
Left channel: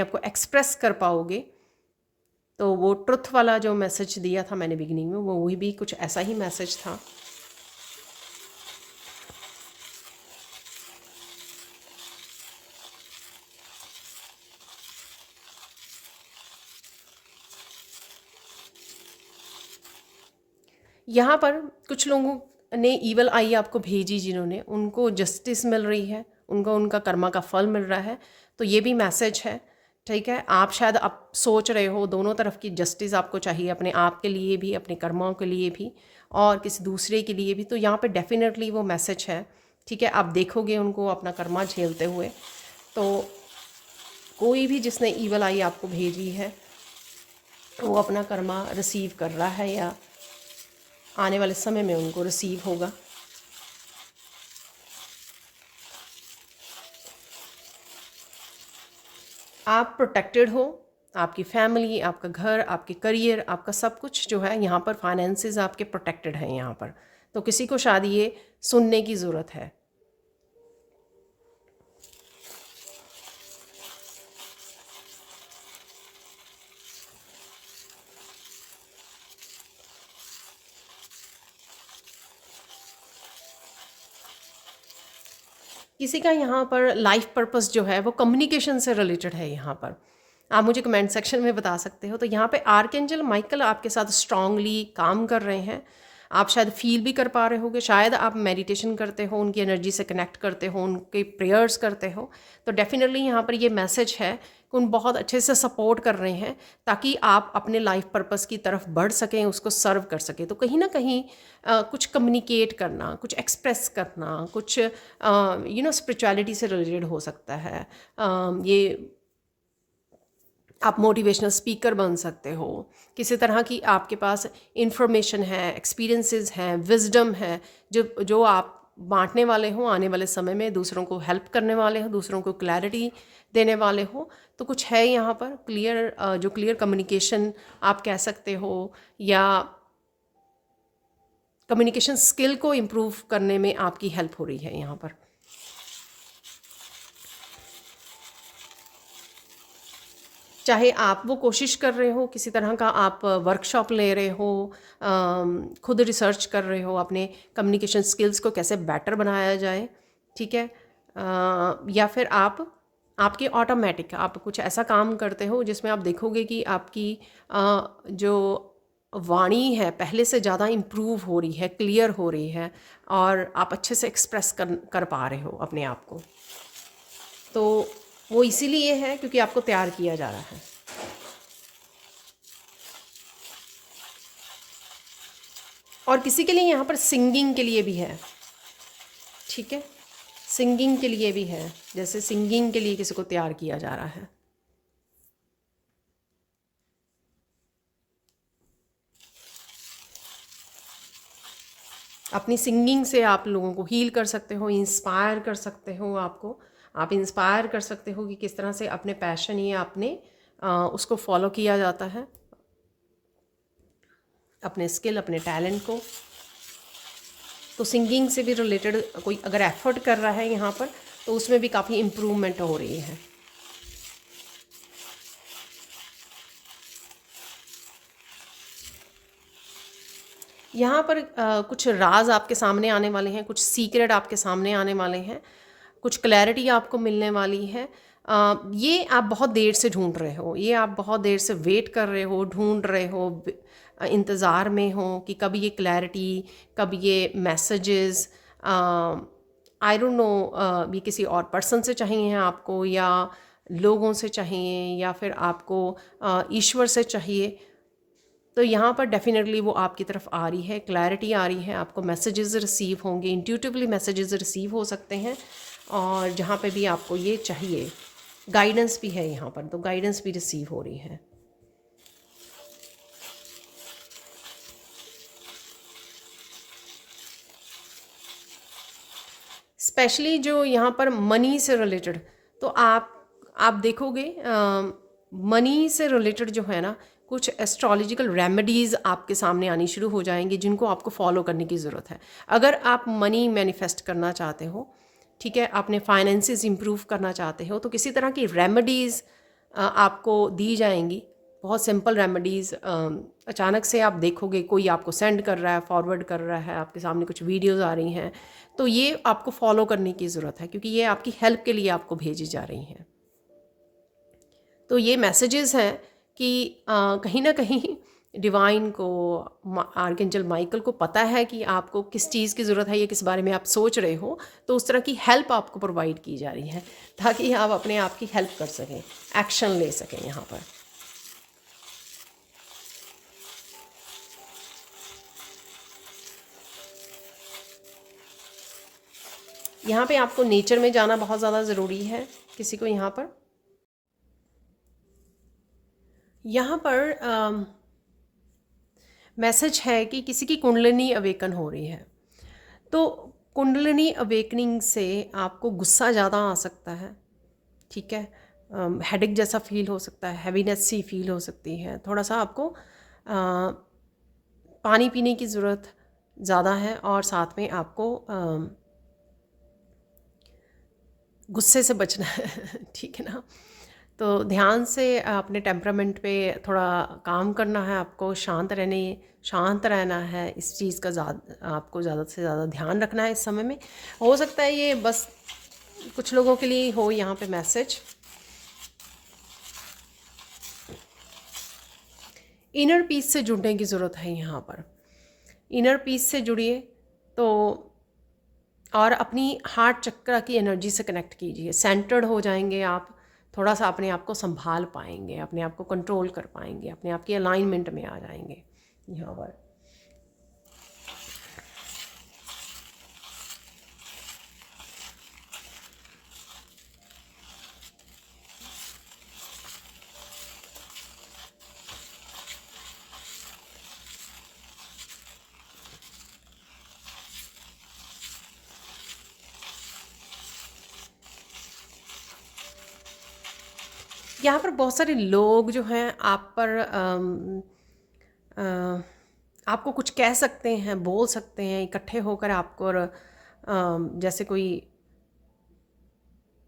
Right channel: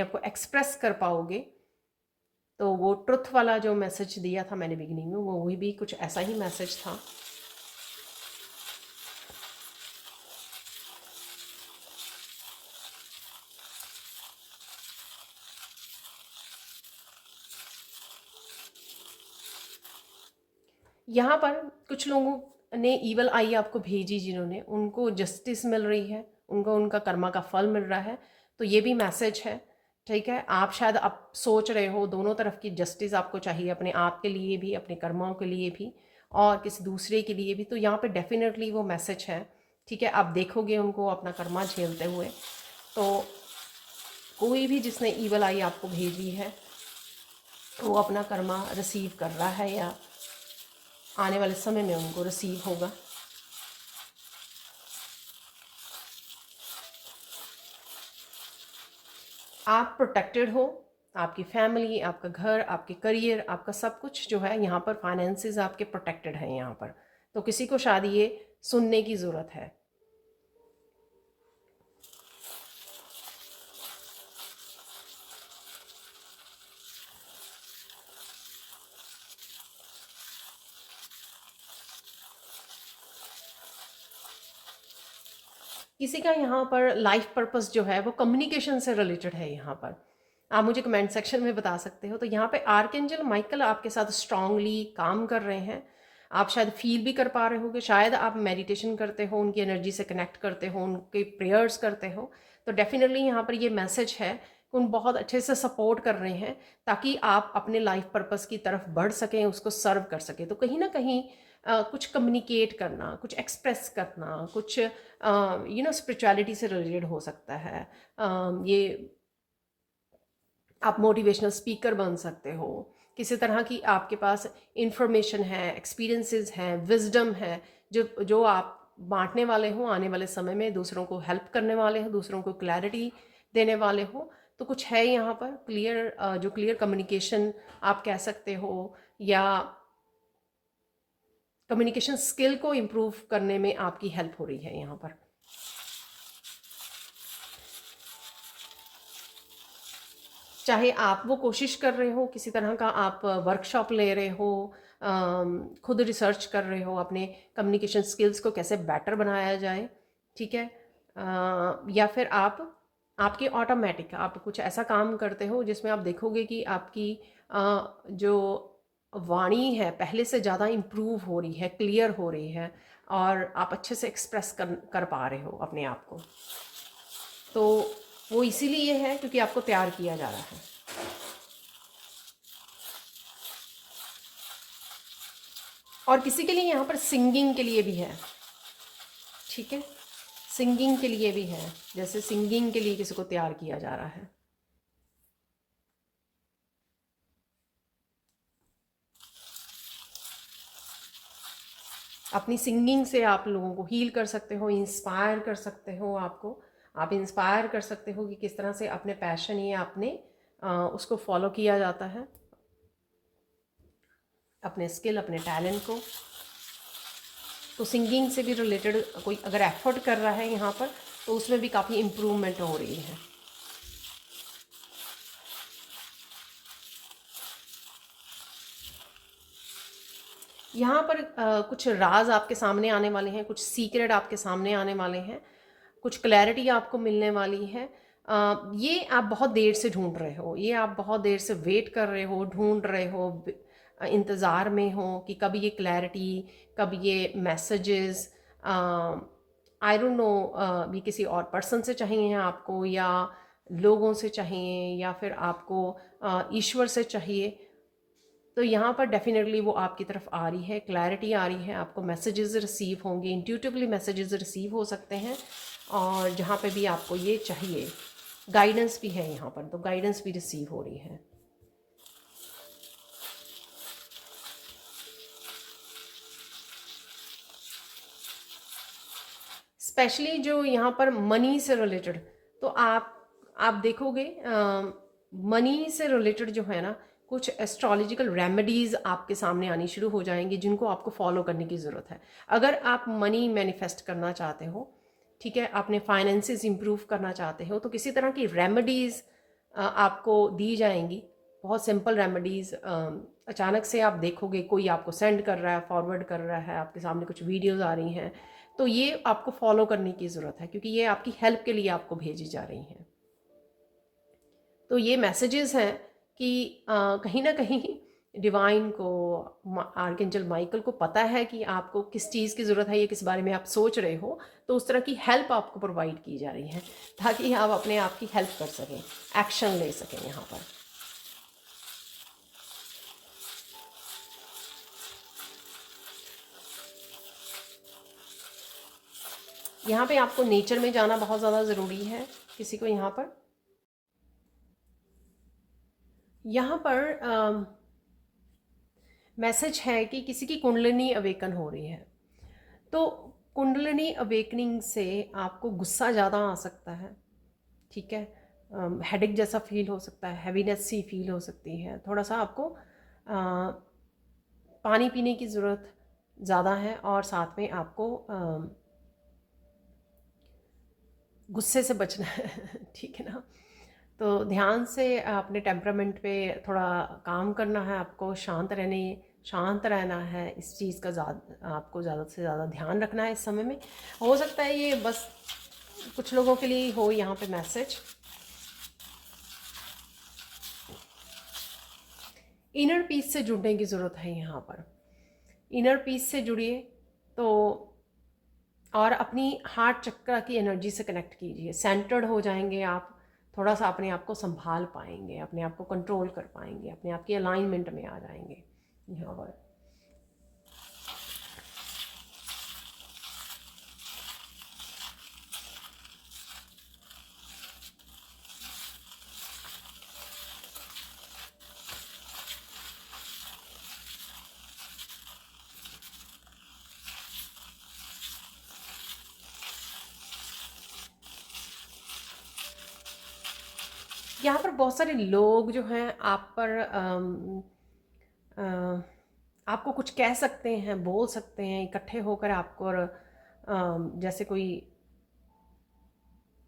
आप को एक्सप्रेस कर पाओगे। तो वो ट्रुथ वाला जो मैसेज दिया था मैंने बिगिनिंग में, वो वही भी कुछ ऐसा ही मैसेज था। यहाँ पर कुछ लोगों ने ईवल आई आपको भेजी, जिन्होंने, उनको जस्टिस मिल रही है, उनको उनका कर्मा का फल मिल रहा है। तो ये भी मैसेज है, ठीक है। आप शायद आप सोच रहे हो दोनों तरफ की जस्टिस आपको चाहिए, अपने आप के लिए भी, अपने कर्माओं के लिए भी, और किसी दूसरे के लिए भी। तो यहाँ पे डेफिनेटली वो मैसेज है, ठीक है। आप देखोगे उनको अपना कर्मा झेलते हुए। तो कोई भी जिसने ईवल आई आपको भेजी है, वो अपना कर्मा रिसीव कर रहा है, या आने वाले समय में उनको रिसीव होगा। आप प्रोटेक्टेड हो, आपकी फैमिली, आपका घर, आपके करियर, आपका सब कुछ जो है यहाँ पर, फाइनेंसेस आपके प्रोटेक्टेड हैं यहाँ पर। तो किसी को शायद ये सुनने की ज़रूरत है। किसी का यहाँ पर लाइफ पर्पस जो है वो कम्युनिकेशन से रिलेटेड है यहाँ पर, आप मुझे कमेंट सेक्शन में बता सकते हो। तो यहाँ पे आर्कएंजल माइकल आपके साथ स्ट्रांगली काम कर रहे हैं। आप शायद फील भी कर पा रहे होगे, शायद आप मेडिटेशन करते हो, उनकी एनर्जी से कनेक्ट करते हो, उनके प्रेयर्स करते हो। तो डेफिनेटली यहाँ पर ये मैसेज है कि उन बहुत अच्छे से सपोर्ट कर रहे हैं, ताकि आप अपने लाइफ पर्पस की तरफ बढ़ सकें, उसको सर्व कर सकें। तो कहीं ना कहीं कुछ कम्युनिकेट करना, कुछ एक्सप्रेस करना, कुछ स्पिरिचुअलिटी से रिलेटेड हो सकता है। ये आप मोटिवेशनल स्पीकर बन सकते हो, किसी तरह की आपके पास इंफॉर्मेशन है, एक्सपीरियंसेस हैं, विजडम है, जो आप बांटने वाले हो आने वाले समय में, दूसरों को हेल्प करने वाले हो, दूसरों को क्लैरिटी देने वाले हो। तो कुछ है यहाँ पर क्लियर, जो क्लियर कम्युनिकेशन आप कह सकते हो, या कम्युनिकेशन स्किल को इम्प्रूव करने में आपकी हेल्प हो रही है यहाँ पर। चाहे आप वो कोशिश कर रहे हो, किसी तरह का आप वर्कशॉप ले रहे हो, खुद रिसर्च कर रहे हो अपने कम्युनिकेशन स्किल्स को कैसे बेटर बनाया जाए, ठीक है, या फिर आपकी ऑटोमेटिक आप कुछ ऐसा काम करते हो जिसमें आप देखोगे कि आपकी जो वाणी है पहले से ज़्यादा इम्प्रूव हो रही है, क्लियर हो रही है, और आप अच्छे से एक्सप्रेस कर पा रहे हो अपने आप को। तो वो इसीलिए है क्योंकि आपको तैयार किया जा रहा है। और किसी के लिए यहाँ पर सिंगिंग के लिए भी है, ठीक है। सिंगिंग के लिए भी है, जैसे सिंगिंग के लिए किसी को तैयार किया जा रहा है। अपनी सिंगिंग से आप लोगों को हील कर सकते हो, इंस्पायर कर सकते हो। आप इंस्पायर कर सकते हो कि किस तरह से अपने पैशन या अपने उसको फॉलो किया जाता है, अपने स्किल, अपने टैलेंट को। तो सिंगिंग से भी रिलेटेड कोई अगर एफर्ट कर रहा है यहाँ पर, तो उसमें भी काफ़ी इम्प्रूवमेंट हो रही है। यहाँ पर कुछ राज आपके सामने आने वाले हैं, कुछ सीक्रेट आपके सामने आने वाले हैं, कुछ क्लैरिटी आपको मिलने वाली है। ये आप बहुत देर से ढूंढ रहे हो, ये आप बहुत देर से वेट कर रहे हो, ढूंढ रहे हो, इंतज़ार में हो कि कब ये क्लैरिटी, कब ये मैसेजेस, आई डोंट नो, ये किसी और पर्सन से चाहिए आपको, या लोगों से चाहिए, या फिर आपको ईश्वर से चाहिए। तो यहाँ पर डेफिनेटली वो आपकी तरफ आ रही है, क्लैरिटी आ रही है, आपको मैसेजेस रिसीव होंगे, इंट्यूटिवली मैसेजेस रिसीव हो सकते हैं। और जहाँ पे भी आपको ये चाहिए, गाइडेंस भी है यहाँ पर, तो गाइडेंस भी रिसीव हो रही है। स्पेशली जो यहाँ पर मनी से रिलेटेड, तो आप देखोगे मनी से रिलेटेड जो है ना, कुछ एस्ट्रोलॉजिकल रेमेडीज़ आपके सामने आनी शुरू हो जाएंगी, जिनको आपको फॉलो करने की ज़रूरत है। अगर आप मनी मैनिफेस्ट करना चाहते हो, ठीक है, अपने फाइनेंसेस इंप्रूव करना चाहते हो, तो किसी तरह की रेमेडीज़ आपको दी जाएंगी, बहुत सिंपल रेमेडीज़। अचानक से आप देखोगे कोई आपको सेंड कर रहा है, फॉरवर्ड कर रहा है, आपके सामने कुछ वीडियोज़ आ रही हैं, तो ये आपको फॉलो करने की ज़रूरत है, क्योंकि ये आपकी हेल्प के लिए आपको भेजी जा रही हैं। तो ये मैसेजेस हैं कि कहीं ना कहीं डिवाइन को, आर्कएंजल माइकल को पता है कि आपको किस चीज़ की ज़रूरत है या किस बारे में आप सोच रहे हो, तो उस तरह की हेल्प आपको प्रोवाइड की जा रही है, ताकि आप अपने आप की हेल्प कर सकें, एक्शन ले सकें यहाँ पर। यहाँ पे आपको नेचर में जाना बहुत ज़्यादा ज़रूरी है किसी को। यहाँ पर मैसेज है कि किसी की कुंडलिनी अवेकन हो रही है। तो कुंडलिनी अवेकनिंग से आपको गुस्सा ज़्यादा आ सकता है, ठीक है, हेडेक जैसा फील हो सकता है, हैवीनेस सी फील हो सकती है, थोड़ा सा आपको पानी पीने की ज़रूरत ज़्यादा है, और साथ में आपको गुस्से से बचना है ठीक है ना। तो ध्यान से अपने टेम्परामेंट पे थोड़ा काम करना है आपको, शांत रहना है, इस चीज़ का आपको ज़्यादा से ज़्यादा ध्यान रखना है इस समय में। हो सकता है ये बस कुछ लोगों के लिए हो यहाँ पे मैसेज। इनर पीस से जुड़ने की ज़रूरत है यहाँ पर, इनर पीस से जुड़िए। तो और अपनी हार्ट चक्र की एनर्जी से कनेक्ट कीजिए, सेंटर्ड हो जाएंगे आप, थोड़ा सा अपने आप को संभाल पाएंगे, अपने आप को कंट्रोल कर पाएंगे, अपने आप की अलाइनमेंट में आ जाएंगे यहाँ पर। यहाँ पर बहुत सारे लोग जो हैं आप पर आपको कुछ कह सकते हैं, बोल सकते हैं, इकट्ठे होकर आपको, जैसे कोई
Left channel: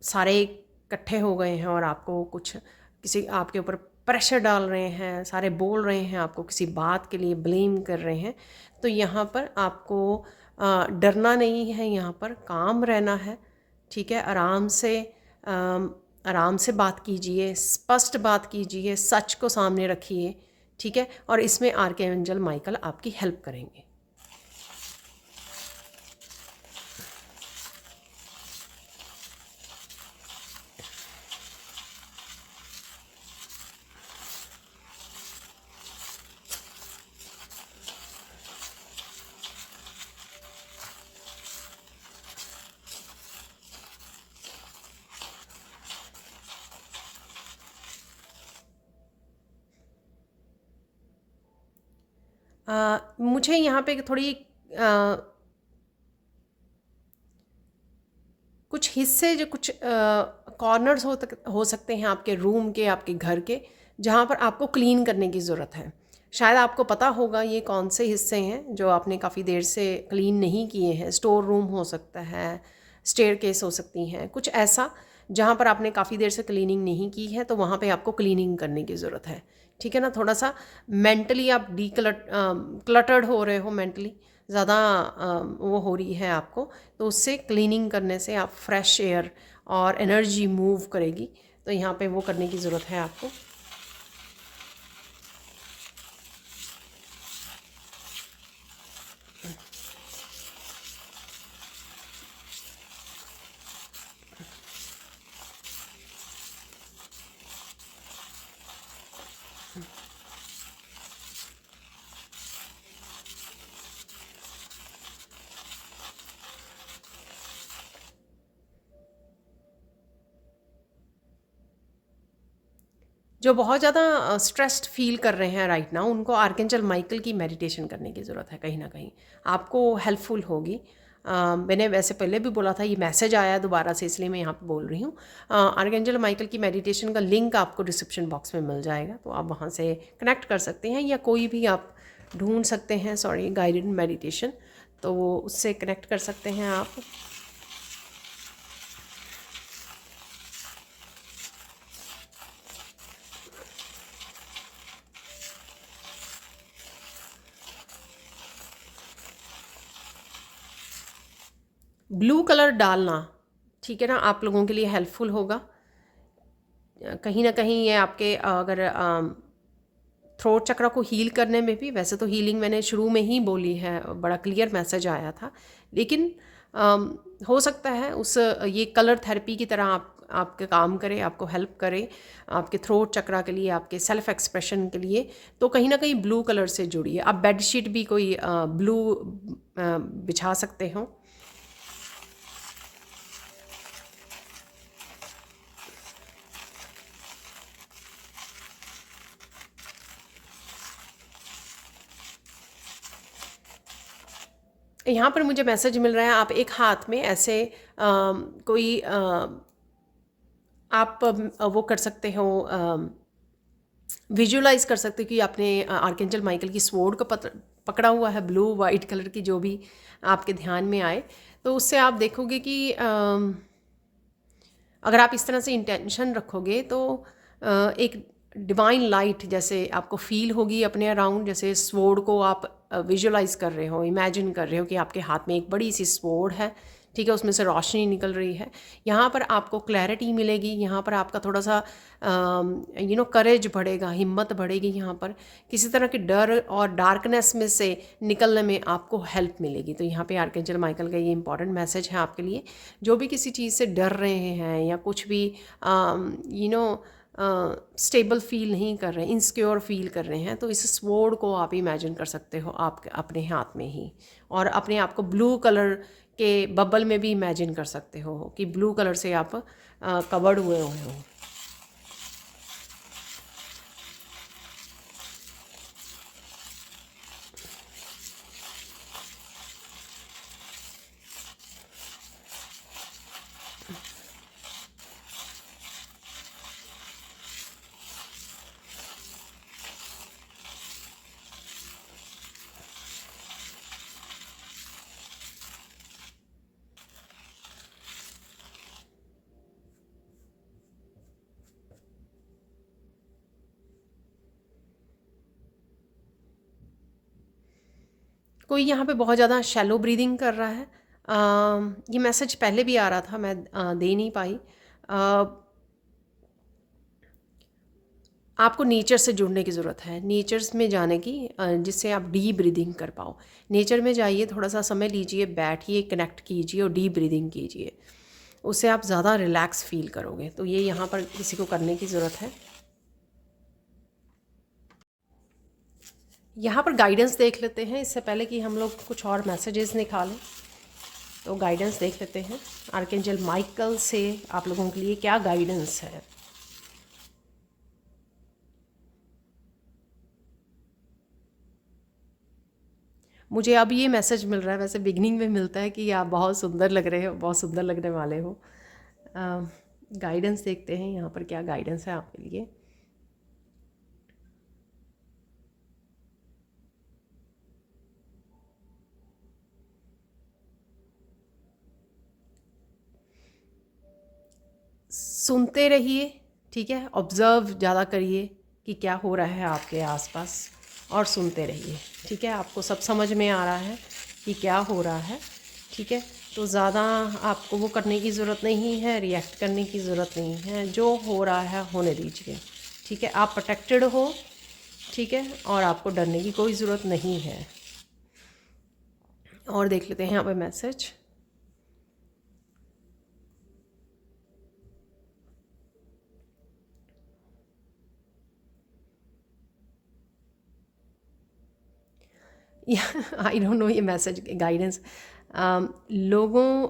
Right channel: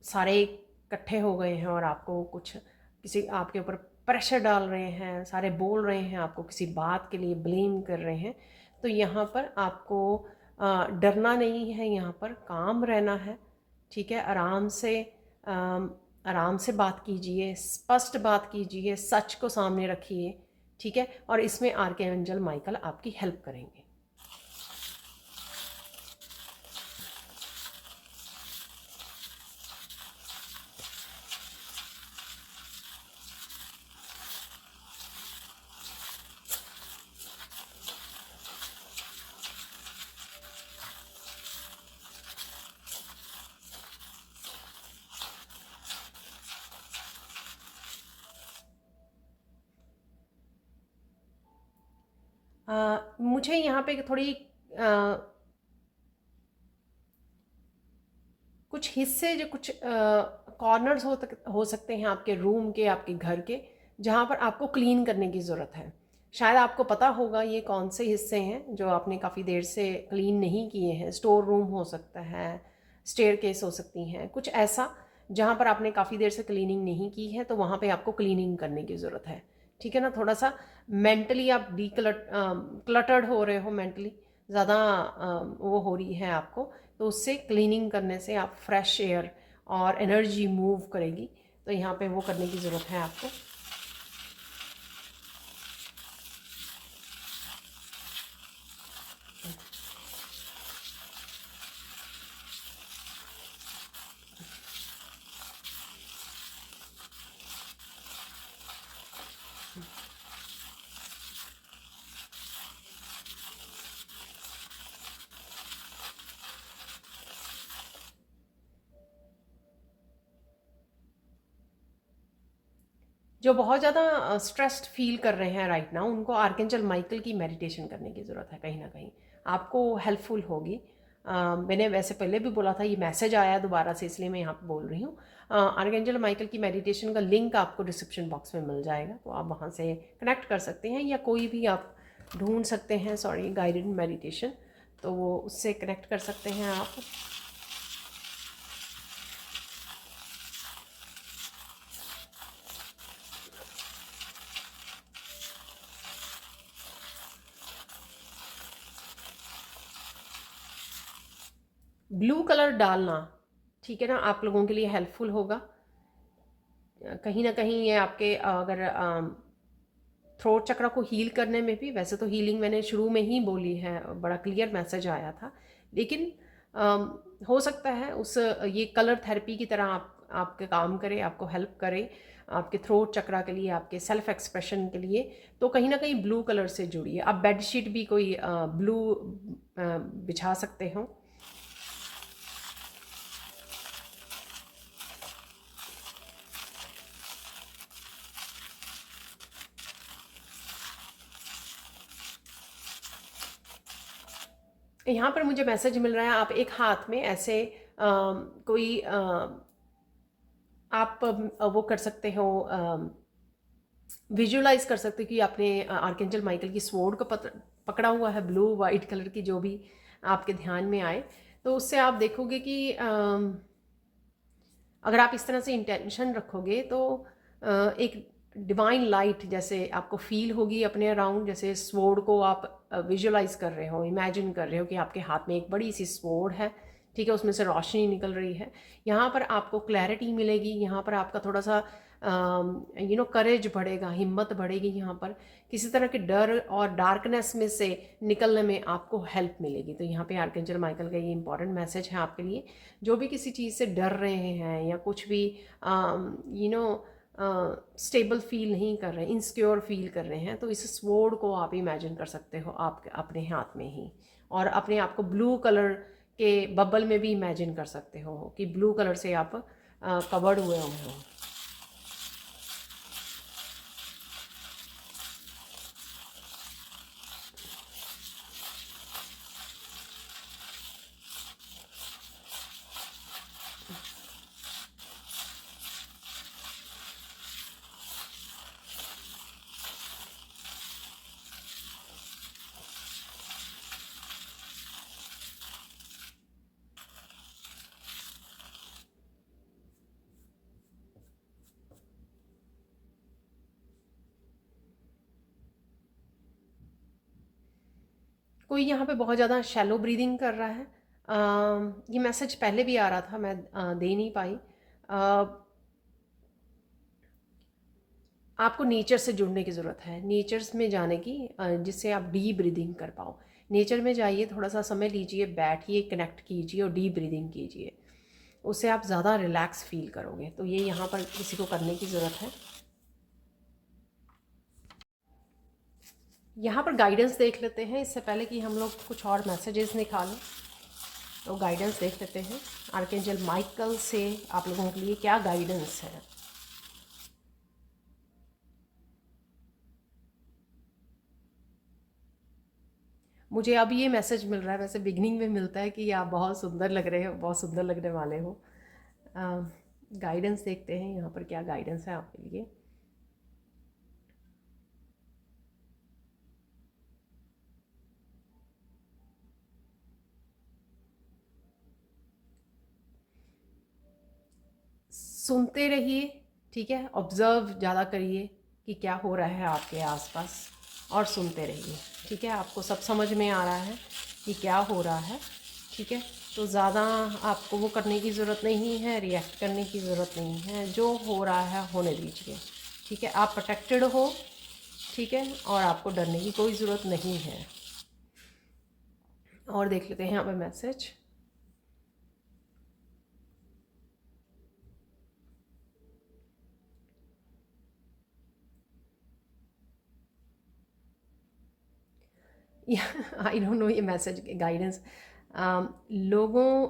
सारे इकट्ठे हो गए हैं और आपको कुछ किसी आपके ऊपर प्रेशर डाल रहे हैं, सारे बोल रहे हैं, आपको किसी बात के लिए ब्लेम कर रहे हैं। तो यहाँ पर आपको डरना नहीं है, यहाँ पर काम रहना है, ठीक है। आराम से बात कीजिए, स्पष्ट बात कीजिए, सच को सामने रखिए, ठीक है। और इसमें आर्कएंजल माइकल आपकी हेल्प करेंगे। मुझे यहाँ पे थोड़ी कुछ हिस्से जो कुछ कॉर्नर्स हो सकते हैं आपके रूम के, आपके घर के, जहाँ पर आपको क्लीन करने की ज़रूरत है। शायद आपको पता होगा ये कौन से हिस्से हैं जो आपने काफ़ी देर से क्लीन नहीं किए हैं। स्टोर रूम हो सकता है, स्टेयरकेस हो सकती हैं, कुछ ऐसा जहाँ पर आपने काफ़ी देर से क्लीनिंग नहीं की है, तो वहाँ पे आपको क्लीनिंग करने की ज़रूरत है। ठीक है ना? थोड़ा सा मेंटली आप क्लटर्ड हो रहे हो, मेंटली ज़्यादा वो हो रही है आपको, तो उससे क्लीनिंग करने से आप फ्रेश एयर और एनर्जी मूव करेगी। तो यहाँ पे वो करने की ज़रूरत है आपको। जो बहुत ज़्यादा स्ट्रेस्ड फील कर रहे हैं राइट नाउ, उनको आर्केंजल माइकल की मेडिटेशन करने की ज़रूरत है। कहीं ना कहीं आपको हेल्पफुल होगी। मैंने वैसे पहले भी बोला था, ये मैसेज आया दोबारा से, इसलिए मैं यहाँ पे बोल रही हूँ। आर्केंजल माइकल की मेडिटेशन का लिंक आपको डिस्क्रिप्शन बॉक्स में मिल जाएगा, तो आप वहाँ से कनेक्ट कर सकते हैं, या कोई भी आप ढूंढ सकते हैं, सॉरी, गाइडेड मेडिटेशन, तो वो उससे कनेक्ट कर सकते हैं आप। ब्लू कलर डालना, ठीक है ना, आप लोगों के लिए हेल्पफुल होगा। कहीं ना कहीं ये आपके अगर थ्रोट चक्र को हील करने में भी, वैसे तो हीलिंग मैंने शुरू में ही बोली है, बड़ा क्लियर मैसेज आया था, लेकिन हो सकता है उस ये कलर थेरेपी की तरह आपके काम करे, आपको हेल्प करे आपके थ्रोट चक्रा के लिए, आपके सेल्फ एक्सप्रेशन के लिए। तो कहीं ना कहीं ब्लू कलर से जुड़िए। आप बेडशीट भी कोई ब्लू बिछा सकते हो। यहाँ पर मुझे मैसेज मिल रहा है, आप एक हाथ में ऐसे कोई आप वो कर सकते हो, विजुलाइज कर सकते हो कि आपने आर्केंजल माइकल की स्वॉर्ड को पकड़ा हुआ है, ब्लू वाइट कलर की, जो भी आपके ध्यान में आए। तो उससे आप देखोगे कि अगर आप इस तरह से इंटेंशन रखोगे तो एक डिवाइन लाइट जैसे आपको फील होगी अपने अराउंड, जैसे स्वॉर्ड को आप विजुलाइज कर रहे हो, इमेजिन कर रहे हो कि आपके हाथ में एक बड़ी सी स्वॉर्ड है, ठीक है, उसमें से रोशनी निकल रही है। यहाँ पर आपको क्लैरिटी मिलेगी, यहाँ पर आपका थोड़ा सा करेज बढ़ेगा, हिम्मत बढ़ेगी। यहाँ पर किसी तरह के डर और डार्कनेस में से निकलने में आपको हेल्प मिलेगी। तो यहाँ पे आर्केंजल माइकल का ये इंपॉर्टेंट मैसेज है आपके लिए, जो भी किसी चीज़ से डर रहे हैं या कुछ भी स्टेबल फील नहीं कर रहे हैं, इनसिक्योर फील कर रहे हैं, तो इस स्वॉर्ड को आप इमेजिन कर सकते हो आप अपने हाथ में ही, और अपने आप को ब्लू कलर के बबल में भी इमेजिन कर सकते हो कि ब्लू कलर से आप कवर्ड हुए हो। कोई यहाँ पे बहुत ज़्यादा शैलो ब्रीदिंग कर रहा है। ये मैसेज पहले भी आ रहा था, मैं दे नहीं पाई। आपको नेचर से जुड़ने की ज़रूरत है, नेचर्स में जाने की, जिससे आप डीप ब्रीदिंग कर पाओ। नेचर में जाइए, थोड़ा सा समय लीजिए, बैठिए, कनेक्ट कीजिए और डीप ब्रीदिंग कीजिए, उससे आप ज़्यादा रिलैक्स फील करोगे। तो ये यहाँ पर किसी को करने की ज़रूरत है। यहाँ पर गाइडेंस देख लेते हैं इससे पहले कि हम लोग कुछ और मैसेजेस निकालें। तो गाइडेंस देख लेते हैं आर्केंजल माइकल से आप लोगों के लिए क्या गाइडेंस है। मुझे अब ये मैसेज मिल रहा है, वैसे बिगनिंग में मिलता है कि आप बहुत सुंदर लग रहे हो, बहुत सुंदर लगने वाले हो। गाइडेंस देखते हैं यहाँ पर क्या गाइडेंस है आपके लिए। सुनते रहिए, ठीक है, ऑब्ज़र्व ज़्यादा करिए कि क्या हो रहा है आपके आसपास, और सुनते रहिए, ठीक है। आपको सब समझ में आ रहा है कि क्या हो रहा है, ठीक है। तो ज़्यादा आपको वो करने की ज़रूरत नहीं है, रिएक्ट करने की ज़रूरत नहीं है, जो हो रहा है होने दीजिए, ठीक है। आप प्रोटेक्टेड हो, ठीक है, और आपको डरने की कोई ज़रूरत नहीं है। और देख लेते हैं यहाँ पे मैसेज। आई डोंट नो ये मैसेज गाइडेंस लोगों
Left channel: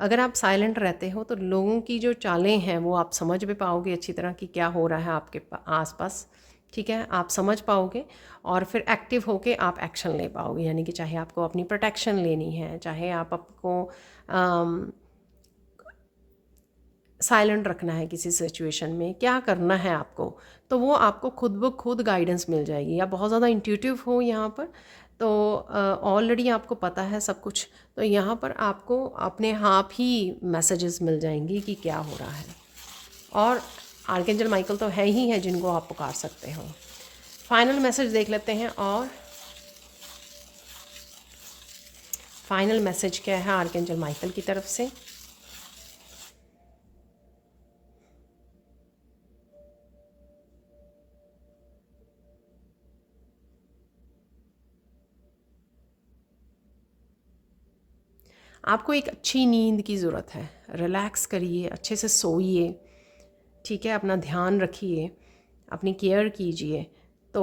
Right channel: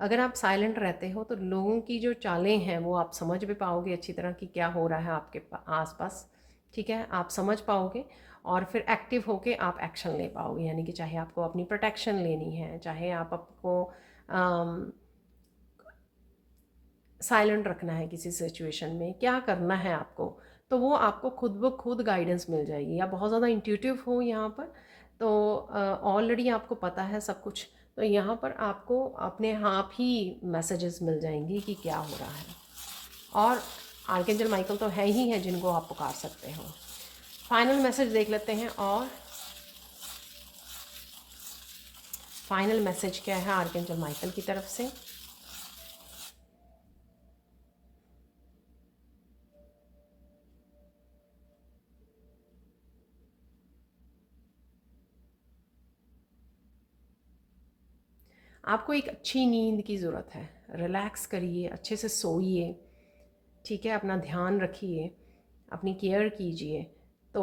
अगर आप साइलेंट रहते हो तो लोगों की जो चालें हैं वो आप समझ भी पाओगे अच्छी तरह कि क्या हो रहा है आपके आसपास, ठीक है। आप समझ पाओगे और फिर एक्टिव होके आप एक्शन ले पाओगे, यानी कि चाहे आपको अपनी प्रोटेक्शन लेनी है, चाहे आप आपको साइलेंट रखना है किसी सिचुएशन में, क्या करना है आपको, तो वो आपको खुद ब खुद गाइडेंस मिल जाएगी। आप बहुत ज़्यादा इंट्यूटिव हो यहाँ पर, तो ऑलरेडी आपको पता है सब कुछ, तो यहाँ पर आपको अपने आप ही मैसेजेस मिल जाएंगी कि क्या हो रहा है। और आर्कएंजल माइकल तो है ही है जिनको आप पुकार सकते हो। फाइनल मैसेज देख लेते हैं। और फाइनल मैसेज क्या है आर्कएंजल माइकल की तरफ से। आपको एक अच्छी नींद की ज़रूरत है, रिलैक्स करिए, अच्छे से सोइए, ठीक है, अपना ध्यान रखिए, अपनी केयर कीजिए, तो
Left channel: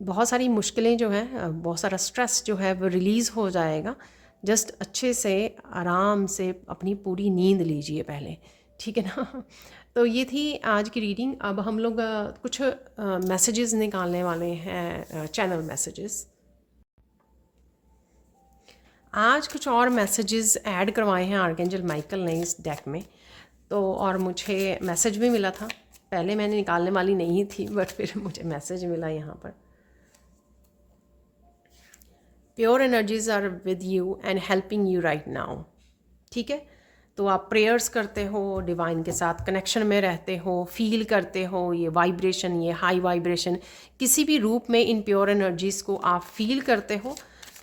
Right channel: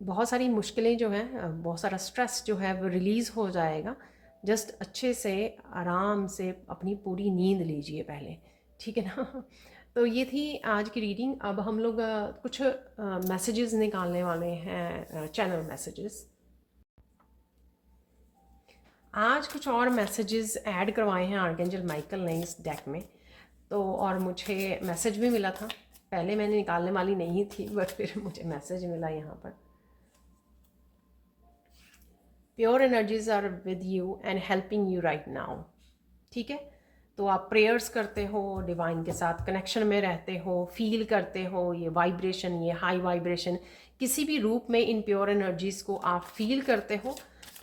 बहुत सारी मुश्किलें जो हैं, बहुत सारा स्ट्रेस जो है वो रिलीज़ हो जाएगा। जस्ट अच्छे से आराम से अपनी पूरी नींद लीजिए पहले, ठीक है ना। तो ये थी आज की रीडिंग। अब हम लोग कुछ मैसेजेस निकालने वाले हैं, चैनल मैसेजेस। आज कुछ और मैसेजेस ऐड करवाए हैं आर्कएंजल माइकल ने इस डेक में, तो और मुझे मैसेज भी मिला था, पहले मैंने निकालने वाली नहीं थी बट फिर मुझे मैसेज मिला यहाँ पर। Pure energies are with you and helping you right now, ठीक है। तो आप प्रेयर्स करते हो, डिवाइन के साथ कनेक्शन में रहते हो, फील करते हो ये वाइब्रेशन, ये हाई वाइब्रेशन, किसी भी रूप में इन प्योर एनर्जीज़ को आप फील करते हो,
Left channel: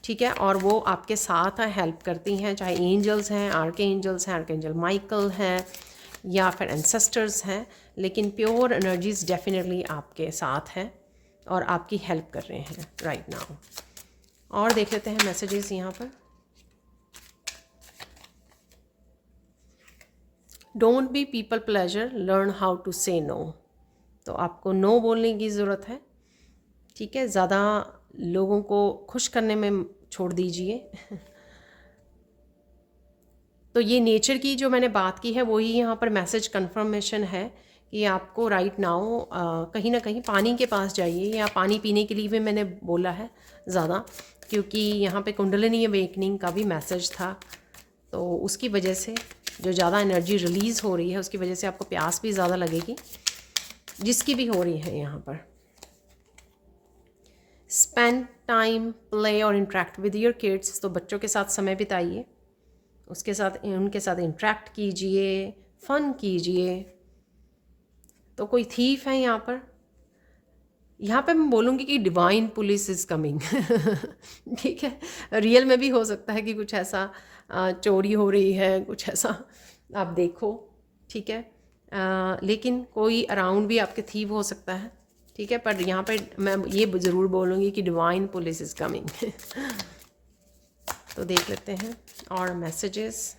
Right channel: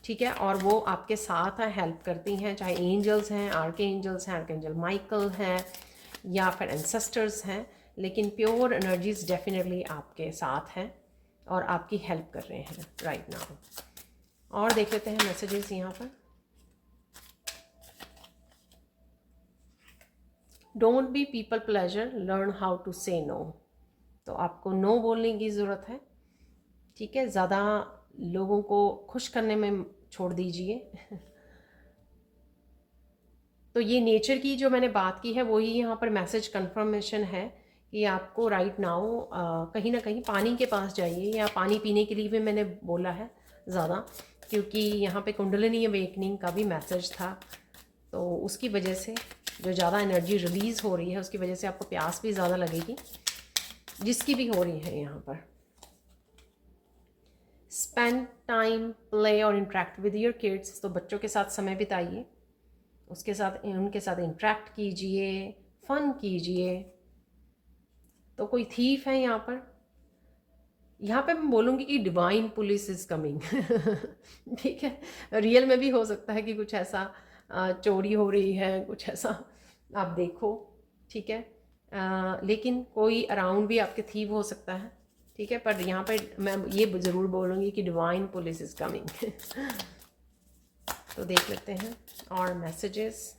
ठीक है। और वो आपके साथ हेल्प करती हैं, चाहे एंजल्स हैं, आर्कएंजल माइकल हैं, या फिर एंसेस्टर्स हैं, लेकिन प्योर एनर्जीज डेफिनेटली आपके साथ हैं और आपकी हेल्प कर रहे हैं राइट नाउ। और देख लेते हैं मैसेजेस यहाँ पर। Don't be people pleaser, learn how to say no. तो आपको नो बोलने की ज़रूरत है, ठीक है, ज़्यादा लोगों को खुश करने में छोड़ दीजिए। तो ये नेचर की जो मैंने बात की है वही यहाँ पर मैसेज कंफर्मेशन है कि आपको राइट नाउ कहीं ना कहीं पानी के पास जाइए, या पानी पीने के लिए भी मैंने बोला है ज़्यादा, क्योंकि यहाँ पे कुंडलिनी अवेकनिंग का भी मैसेज था, तो उसकी वजह से जो ज़्यादा एनर्जी रिलीज़ हो रही है उसकी वजह से आपको प्यास भी ज़्यादा लगेगी, जिसकी भी हो रही है यहाँ पर। स्पेंड टाइम प्ले और इंटरेक्ट विद योर किड्स, तो बच्चों के साथ समय बिताइए, उसके साथ उनके साथ इंटरेक्ट कीजिए, फ़न कीजिए। तो कोई थीफ है यहाँ पर, यहाँ पे मैं बोलूँगी कि डिवाइन पुलिस इज़ कमिंग। ठीक है, रियल में भी हो सकता है कि कुछ ऐसा चोरी हो रही है, कुछ ऐसा आप देखो, ठीक है। लेकिन कोई अराउंड भी आपके थीव हो सकता है, ठीक है, पर यहाँ पे मैं ये ज़रूर बोलूँगी कि डिवाइन पुलिस इज़ कमिंग। तो देख लेते हैं और messages.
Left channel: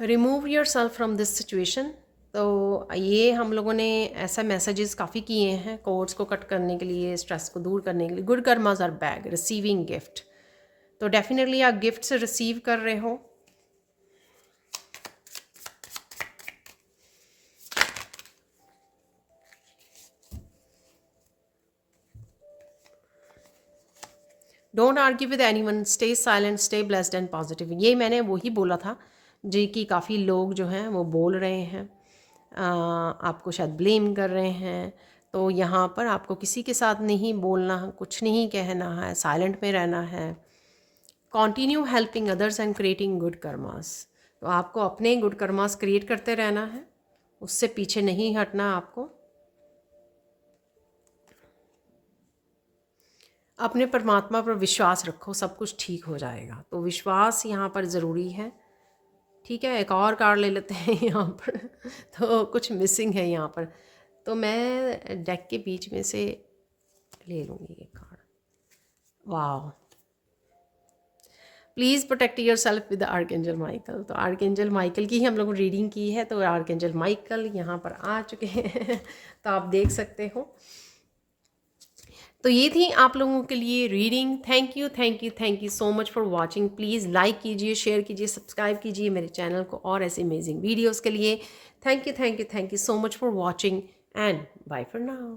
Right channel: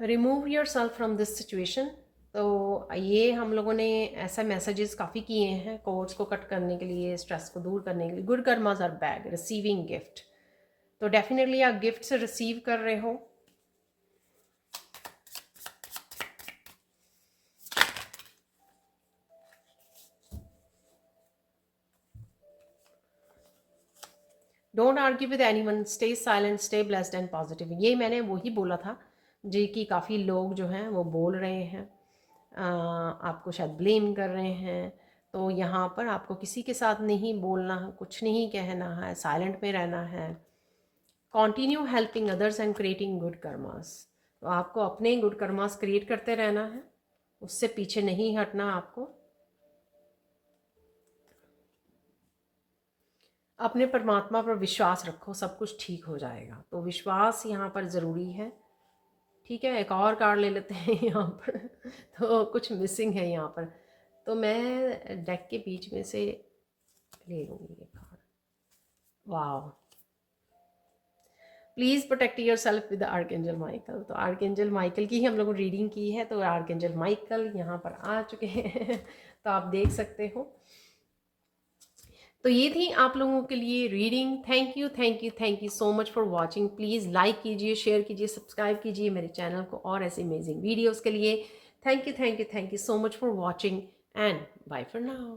Remove your self from this situation, तो ये हम लोगों ने ऐसा मैसेजेस काफ़ी किए हैं कोर्स को कट करने के लिए, स्ट्रेस को दूर करने के लिए। Good karmas are back, receiving gift, तो डेफिनेटली आप गिफ्ट से रिसीव कर रहे हो। Don't argue with anyone, stay silent, stay blessed and positive. ये मैंने वही बोला था जी कि काफ़ी लोग जो हैं वो बोल रहे हैं, आपको शायद ब्लेम कर रहे हैं। तो यहाँ पर आपको किसी के साथ नहीं बोलना, कुछ नहीं कहना है, साइलेंट में रहना है। Continue helping others and creating good karmas. तो आपको अपने गुड कर्मास क्रिएट करते रहना है, उससे पीछे नहीं हटना आपको। अपने परमात्मा पर विश्वास रखो, सब कुछ ठीक हो जाएगा। तो विश्वास यहाँ पर ज़रूरी है। ठीक है, एक और कार्ड ले लेते हैं यहाँ पर तो कुछ मिसिंग है यहाँ पर, तो मैं डेक के बीच में से ले लूँगी ये कार्ड। वाह, please protect your self with archangel Michael. तो आर्कएंजल माइकल की ही हम लोगों ने रीडिंग की है, तो आर्कएंजल माइकल यहाँ पर आ चुके हैं तो आप देख सकते हो। तो ये थी आप लोगों के लिए reading. Thank you thank you thank you so much for watching. Please like कीजिए, शेयर कीजिए, सब्सक्राइब कीजिए मेरे चैनल को और ऐसे अमेजिंग वीडियोस के लिए। Thank you thank you thank you so much for watching and bye for now.